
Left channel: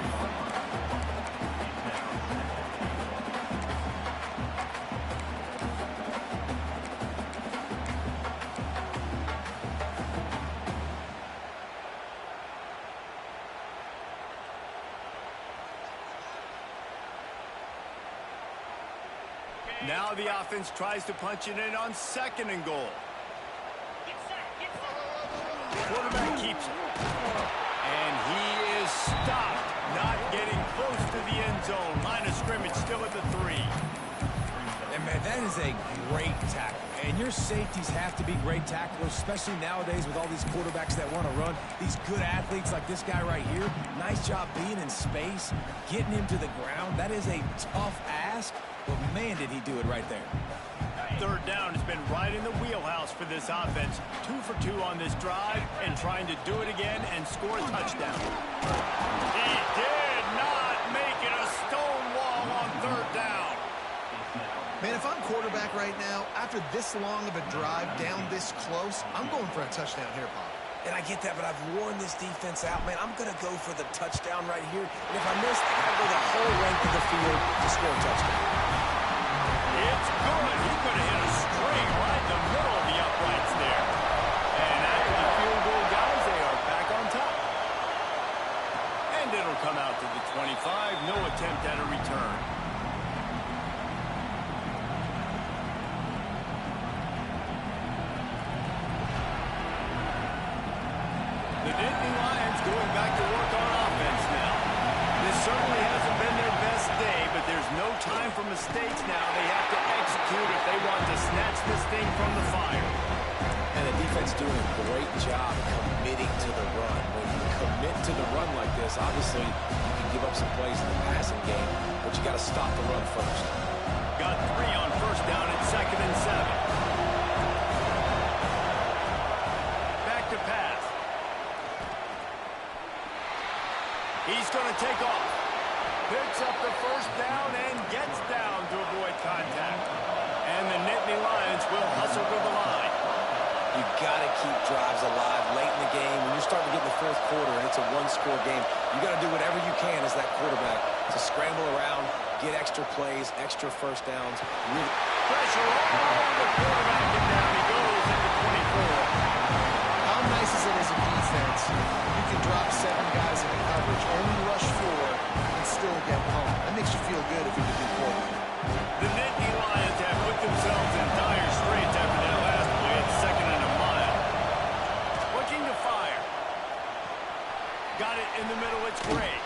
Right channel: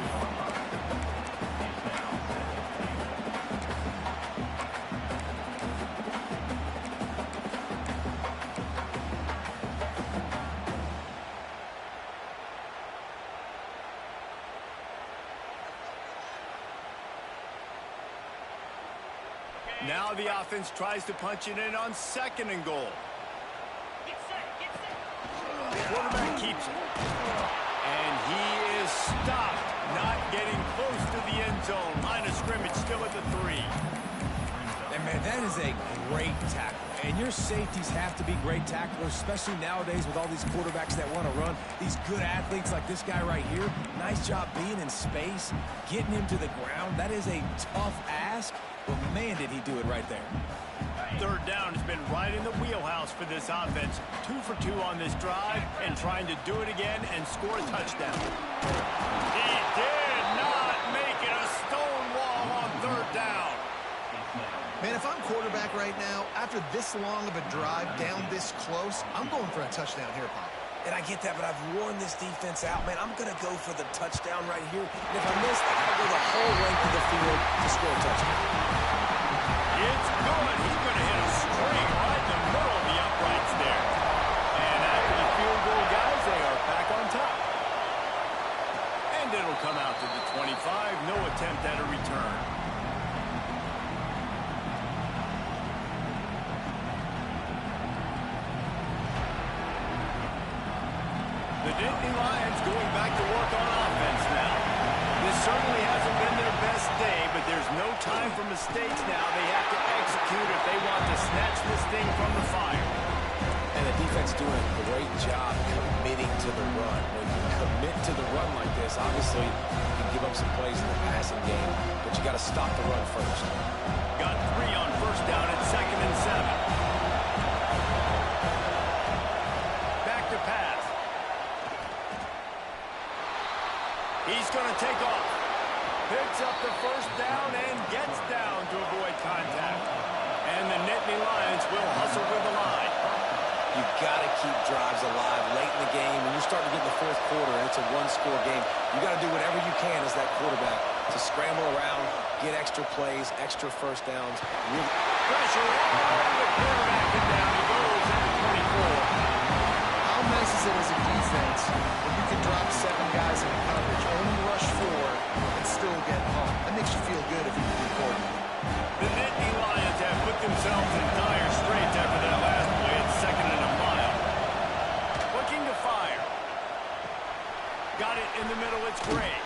Now the offense tries to punch it in on 2nd and goal. The quarterback keeps it. And he is stopped, not getting close to the end zone. Line of scrimmage still at the 3. And, man, that is a great tackle. And your safeties have to be great tacklers, especially nowadays with all these quarterbacks that want to run. These good athletes like this guy right here. Nice job being in space, getting him to the ground. That is a tough ask, but, man, did he do it right there. Third down has been right in the wheelhouse for this offense. 2 for 2 on this drive and trying to do it again and score a touchdown. He did not make it a stone wall on third down. Man, if I'm quarterback right now, after this long of a drive down this close, I'm going for a touchdown here, Pop. And I get that, but I've worn this defense out. Man, I'm going to go for the touchdown right here. And if I miss, I got to go the whole length of the field to score a touchdown. It's good. He's going to hit a string right in the middle of the uprights there. And after the field goal, guys, they are back on top. And it'll come out to the 25. No attempt at a return. The Nittany Lions going back to work on offense now. This certainly hasn't been their best day, but there's no time for mistakes now. They have to execute if they want to snatch this thing from the fire. And the defense doing a great job committing to the run. When you commit to the run like this, obviously you can give up some plays in the passing game, but you got to stop the run first. Got 3 on first down at 2nd and 7. Back to pass. He's going to take off. Picks up the first down and gets down to avoid contact. And the Nittany Lions will hustle to the line. You got to keep drives alive late in the game. When you're starting to get in the fourth quarter and it's a one-score game, you got to do whatever you can as that quarterback to scramble around, get extra plays, extra first downs. Really Pressure all over the quarterback, and down he goes at the 24. How nice is it as a defense when you can drop 7 guys into coverage, only rush 4, and still get home? That makes you feel good if you're the coordinator. The Nittany Lions have put themselves in dire straits after that last play at 2nd and a mile. Looking to fire. Got it in the middle, it's Gray.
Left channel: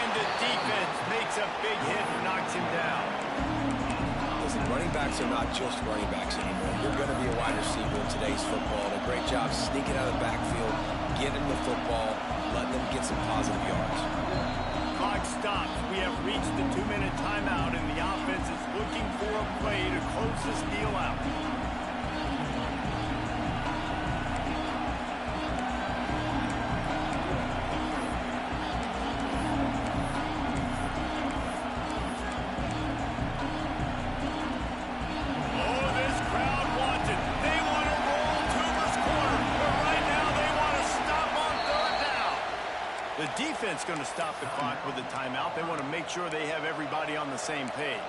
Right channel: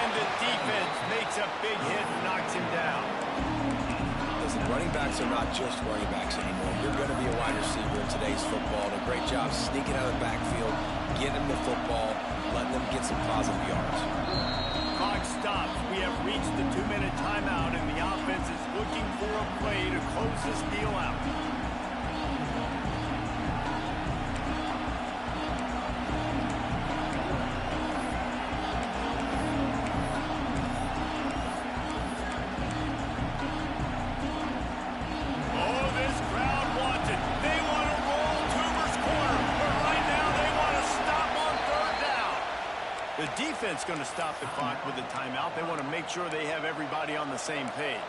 And the defense makes a big hit and knocks him down. Listen, running backs are not just running backs anymore. You're going to be a wide receiver in today's football. And a great job sneaking out of the backfield, getting them the football, letting them get some positive yards. Clock stops. We have reached the 2-minute timeout, and the offense is looking for a play to close this deal out. The defense going to stop the clock with a timeout. They want to make sure they have everybody on the same page.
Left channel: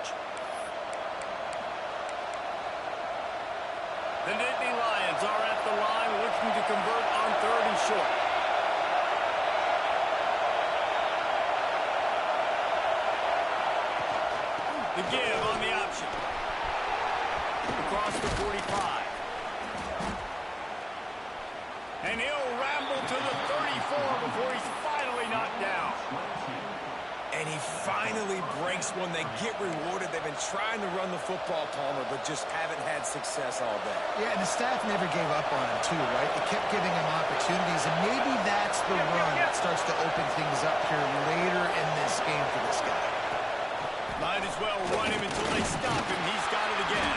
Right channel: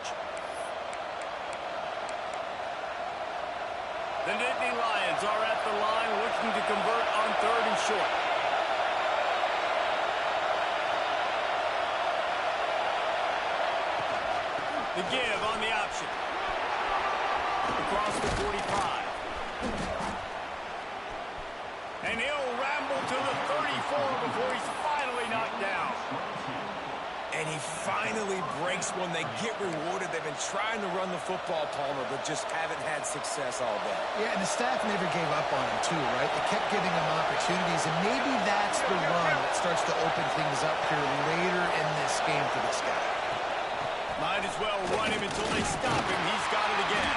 The Nittany Lions are at the line looking to convert on 3rd and short. The give on the option. Across the 45. And he'll ramble to the 34 before he's finally knocked down. And he finally breaks one. They get rewarded. They've been trying to run the football, Palmer, but just haven't had success all day. Yeah, and the staff never gave up on him, too, right? They kept giving him opportunities, and maybe that's the run that starts to open things up here later in this game for this guy. Might as well run him until they stop him. He's got it again.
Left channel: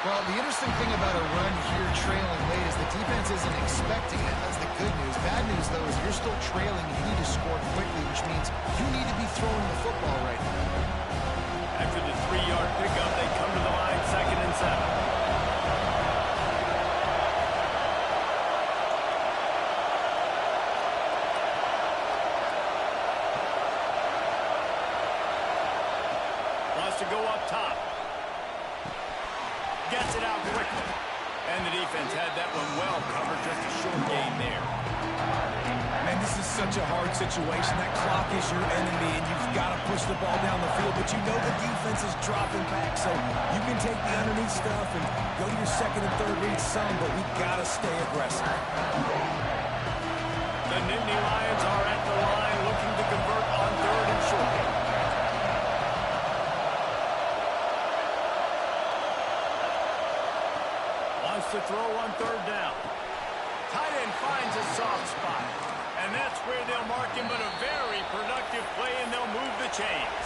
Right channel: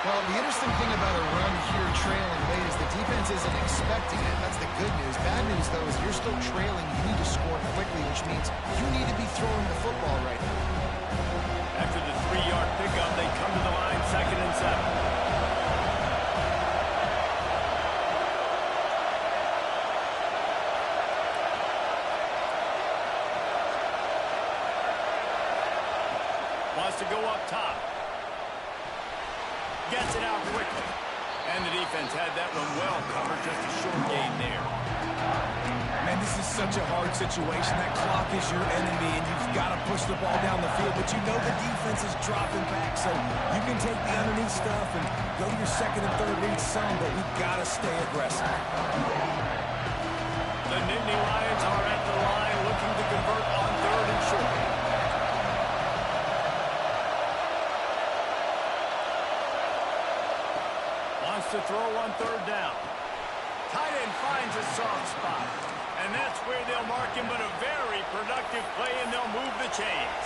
Well, the interesting thing about a run here trailing late is the defense isn't expecting it. That's the good news. Bad news, though, is you're still trailing. You need to score quickly, which means you need to be throwing the football right now. After the 3-yard pickup, they come to the line 2nd and 7. Wants to go up top. Gets it out quickly. And the defense had that one well covered. Just a short gain there. Man, this is such a hard situation. That clock is your enemy, and you've got to push the ball down the field. But you know the defense is dropping back, so you can take the underneath stuff and go to your 2nd and 3rd read some, but we've got to stay aggressive. The Nittany Lions are at the line looking to convert on 3rd and short. Wants to throw on 3rd down. Tight end finds a soft spot. And that's where they'll mark him, but a very productive play, and they'll move the chains.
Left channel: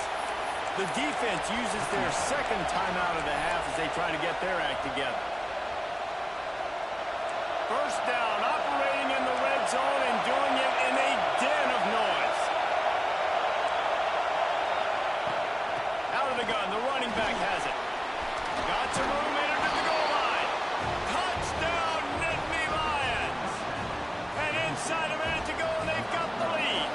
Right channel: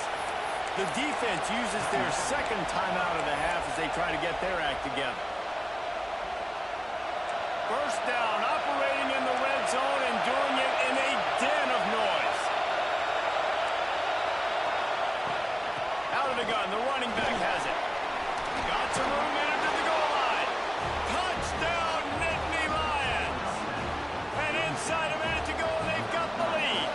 The defense uses their 2nd timeout of the half as they try to get their act together. 1st down, operating in the red zone and doing it in a den of noise. Out of the gun, the running back has it. Got some room in it to the goal line. Touchdown, Nittany Lions. And inside a minute to go, and they've got the lead.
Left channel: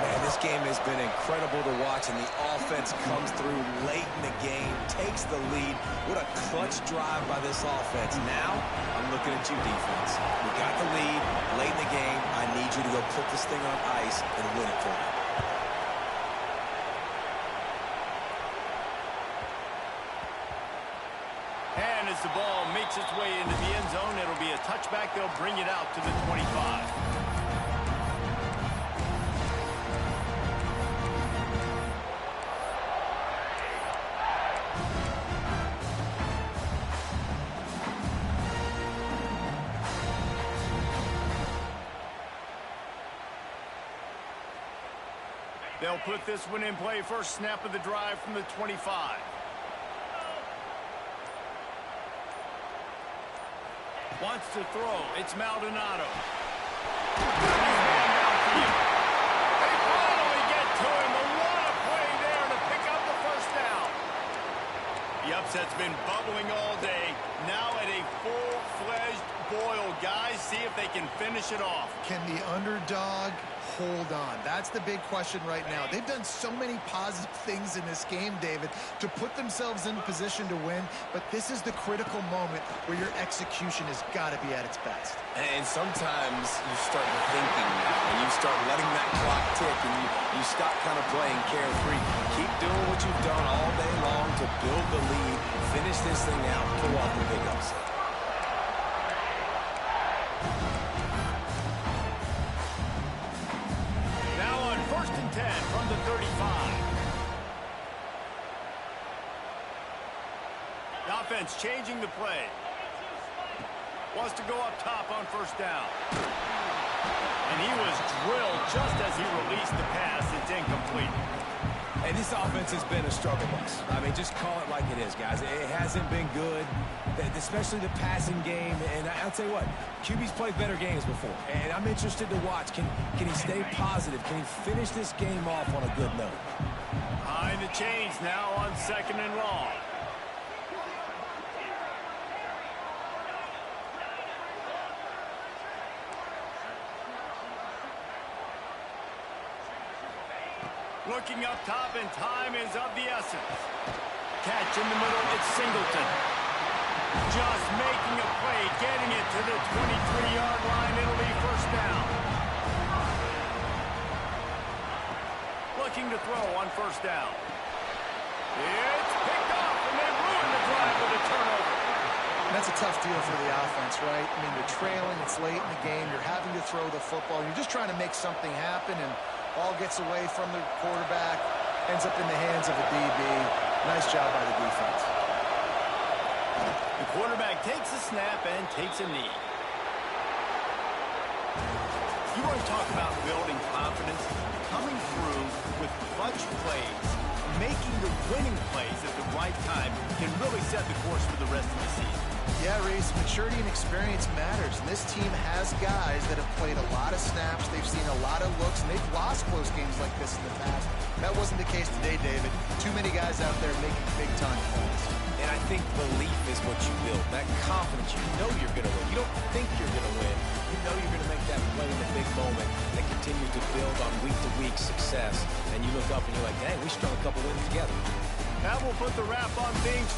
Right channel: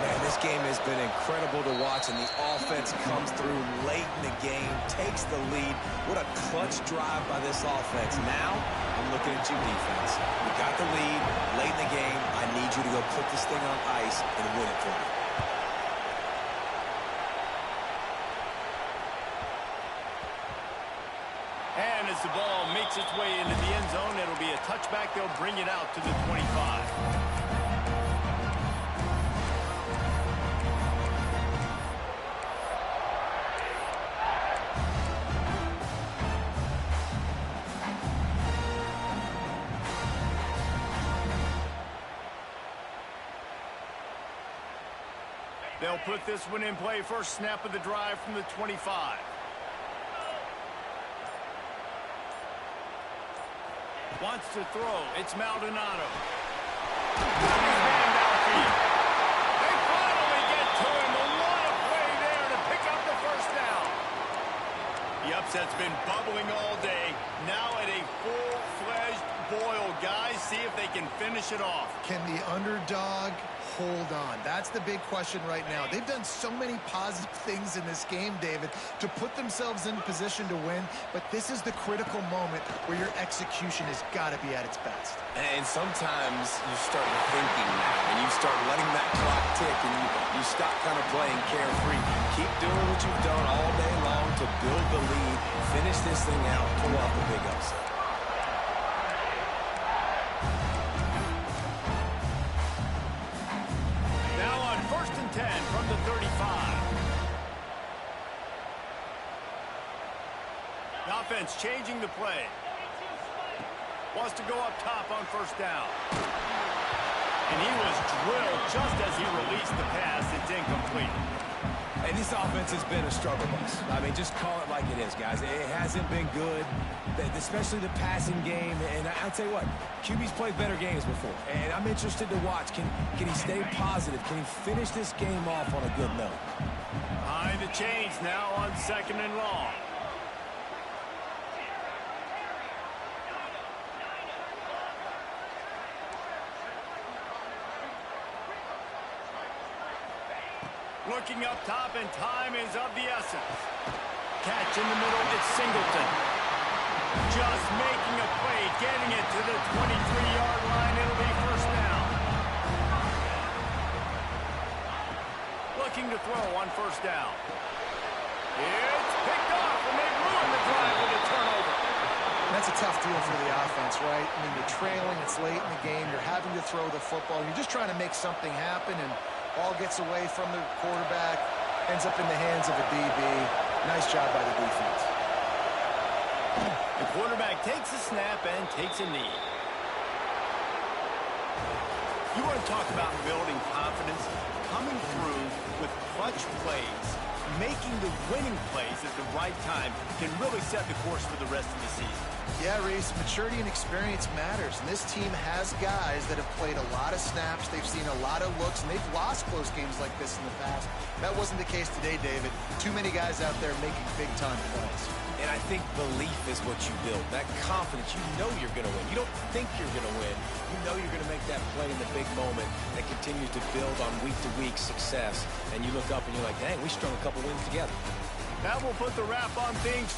Man, this game has been incredible to watch, and the offense comes through late in the game, takes the lead. What a clutch drive by this offense. Now, I'm looking at you, defense. We got the lead late in the game. I need you to go put this thing on ice and win it for me. And as the ball makes its way into the end zone, it'll be a touchback. They'll bring it out to the 25. They'll put this one in play. First snap of the drive from the 25. Wants to throw. It's Maldonado. Got his man downfield. They finally get to him. But what a play there to pick up the 1st down. The upset's been bubbling all day. Now at a full-fledged boil. Guys, see if they can finish it off. Can the underdog hold on? That's the big question right now. They've done so many positive things in this game, David, to put themselves in position to win, but this is the critical moment where your execution has got to be at its best. And sometimes you start thinking now, and you start letting that clock tick, and you stop kind of playing carefree. Keep doing what you've done all day long to build the lead, finish this thing out, pull off the big upset. Now on 1st and 10 from the 35. The offense changing the play. Wants to go up top on first down. And he was drilled just as he released the pass. It's incomplete. And this offense has been a struggle bus. I mean, just call it like it is, guys. It hasn't been good, especially the passing game. And I'll tell you what, QB's played better games before. And I'm interested to watch. Can he stay positive? Can he finish this game off on a good note? Behind the chains now on 2nd and long. Looking up top, and time is of the essence. Catch in the middle, it's Singleton. Just making a play, getting it to the 23-yard line. It'll be first down. Looking to throw on first down. It's picked off, and they ruin the drive with a turnover. That's a tough deal for the offense, right? I mean, you're trailing, it's late in the game, you're having to throw the football, you're just trying to make something happen, and ball gets away from the quarterback, ends up in the hands of a DB. Nice job by the defense. The quarterback takes a snap and takes a knee. You want to talk about building confidence? Coming through with clutch plays, making the winning plays at the right time can really set the course for the rest of the season. Yeah, Reese, maturity and experience matters, and this team has guys that have played a lot of snaps, they've seen a lot of looks, and they've lost close games like this in the past. That wasn't the case today, David. Too many guys out there making big-time plays. And I think belief is what you build. That confidence, you know you're going to win. You don't think you're going to win. You know you're going to make that play in the big moment that continues to build on week-to-week success. And you look up and you're like, dang, we strung a couple wins together. That will put the wrap on things.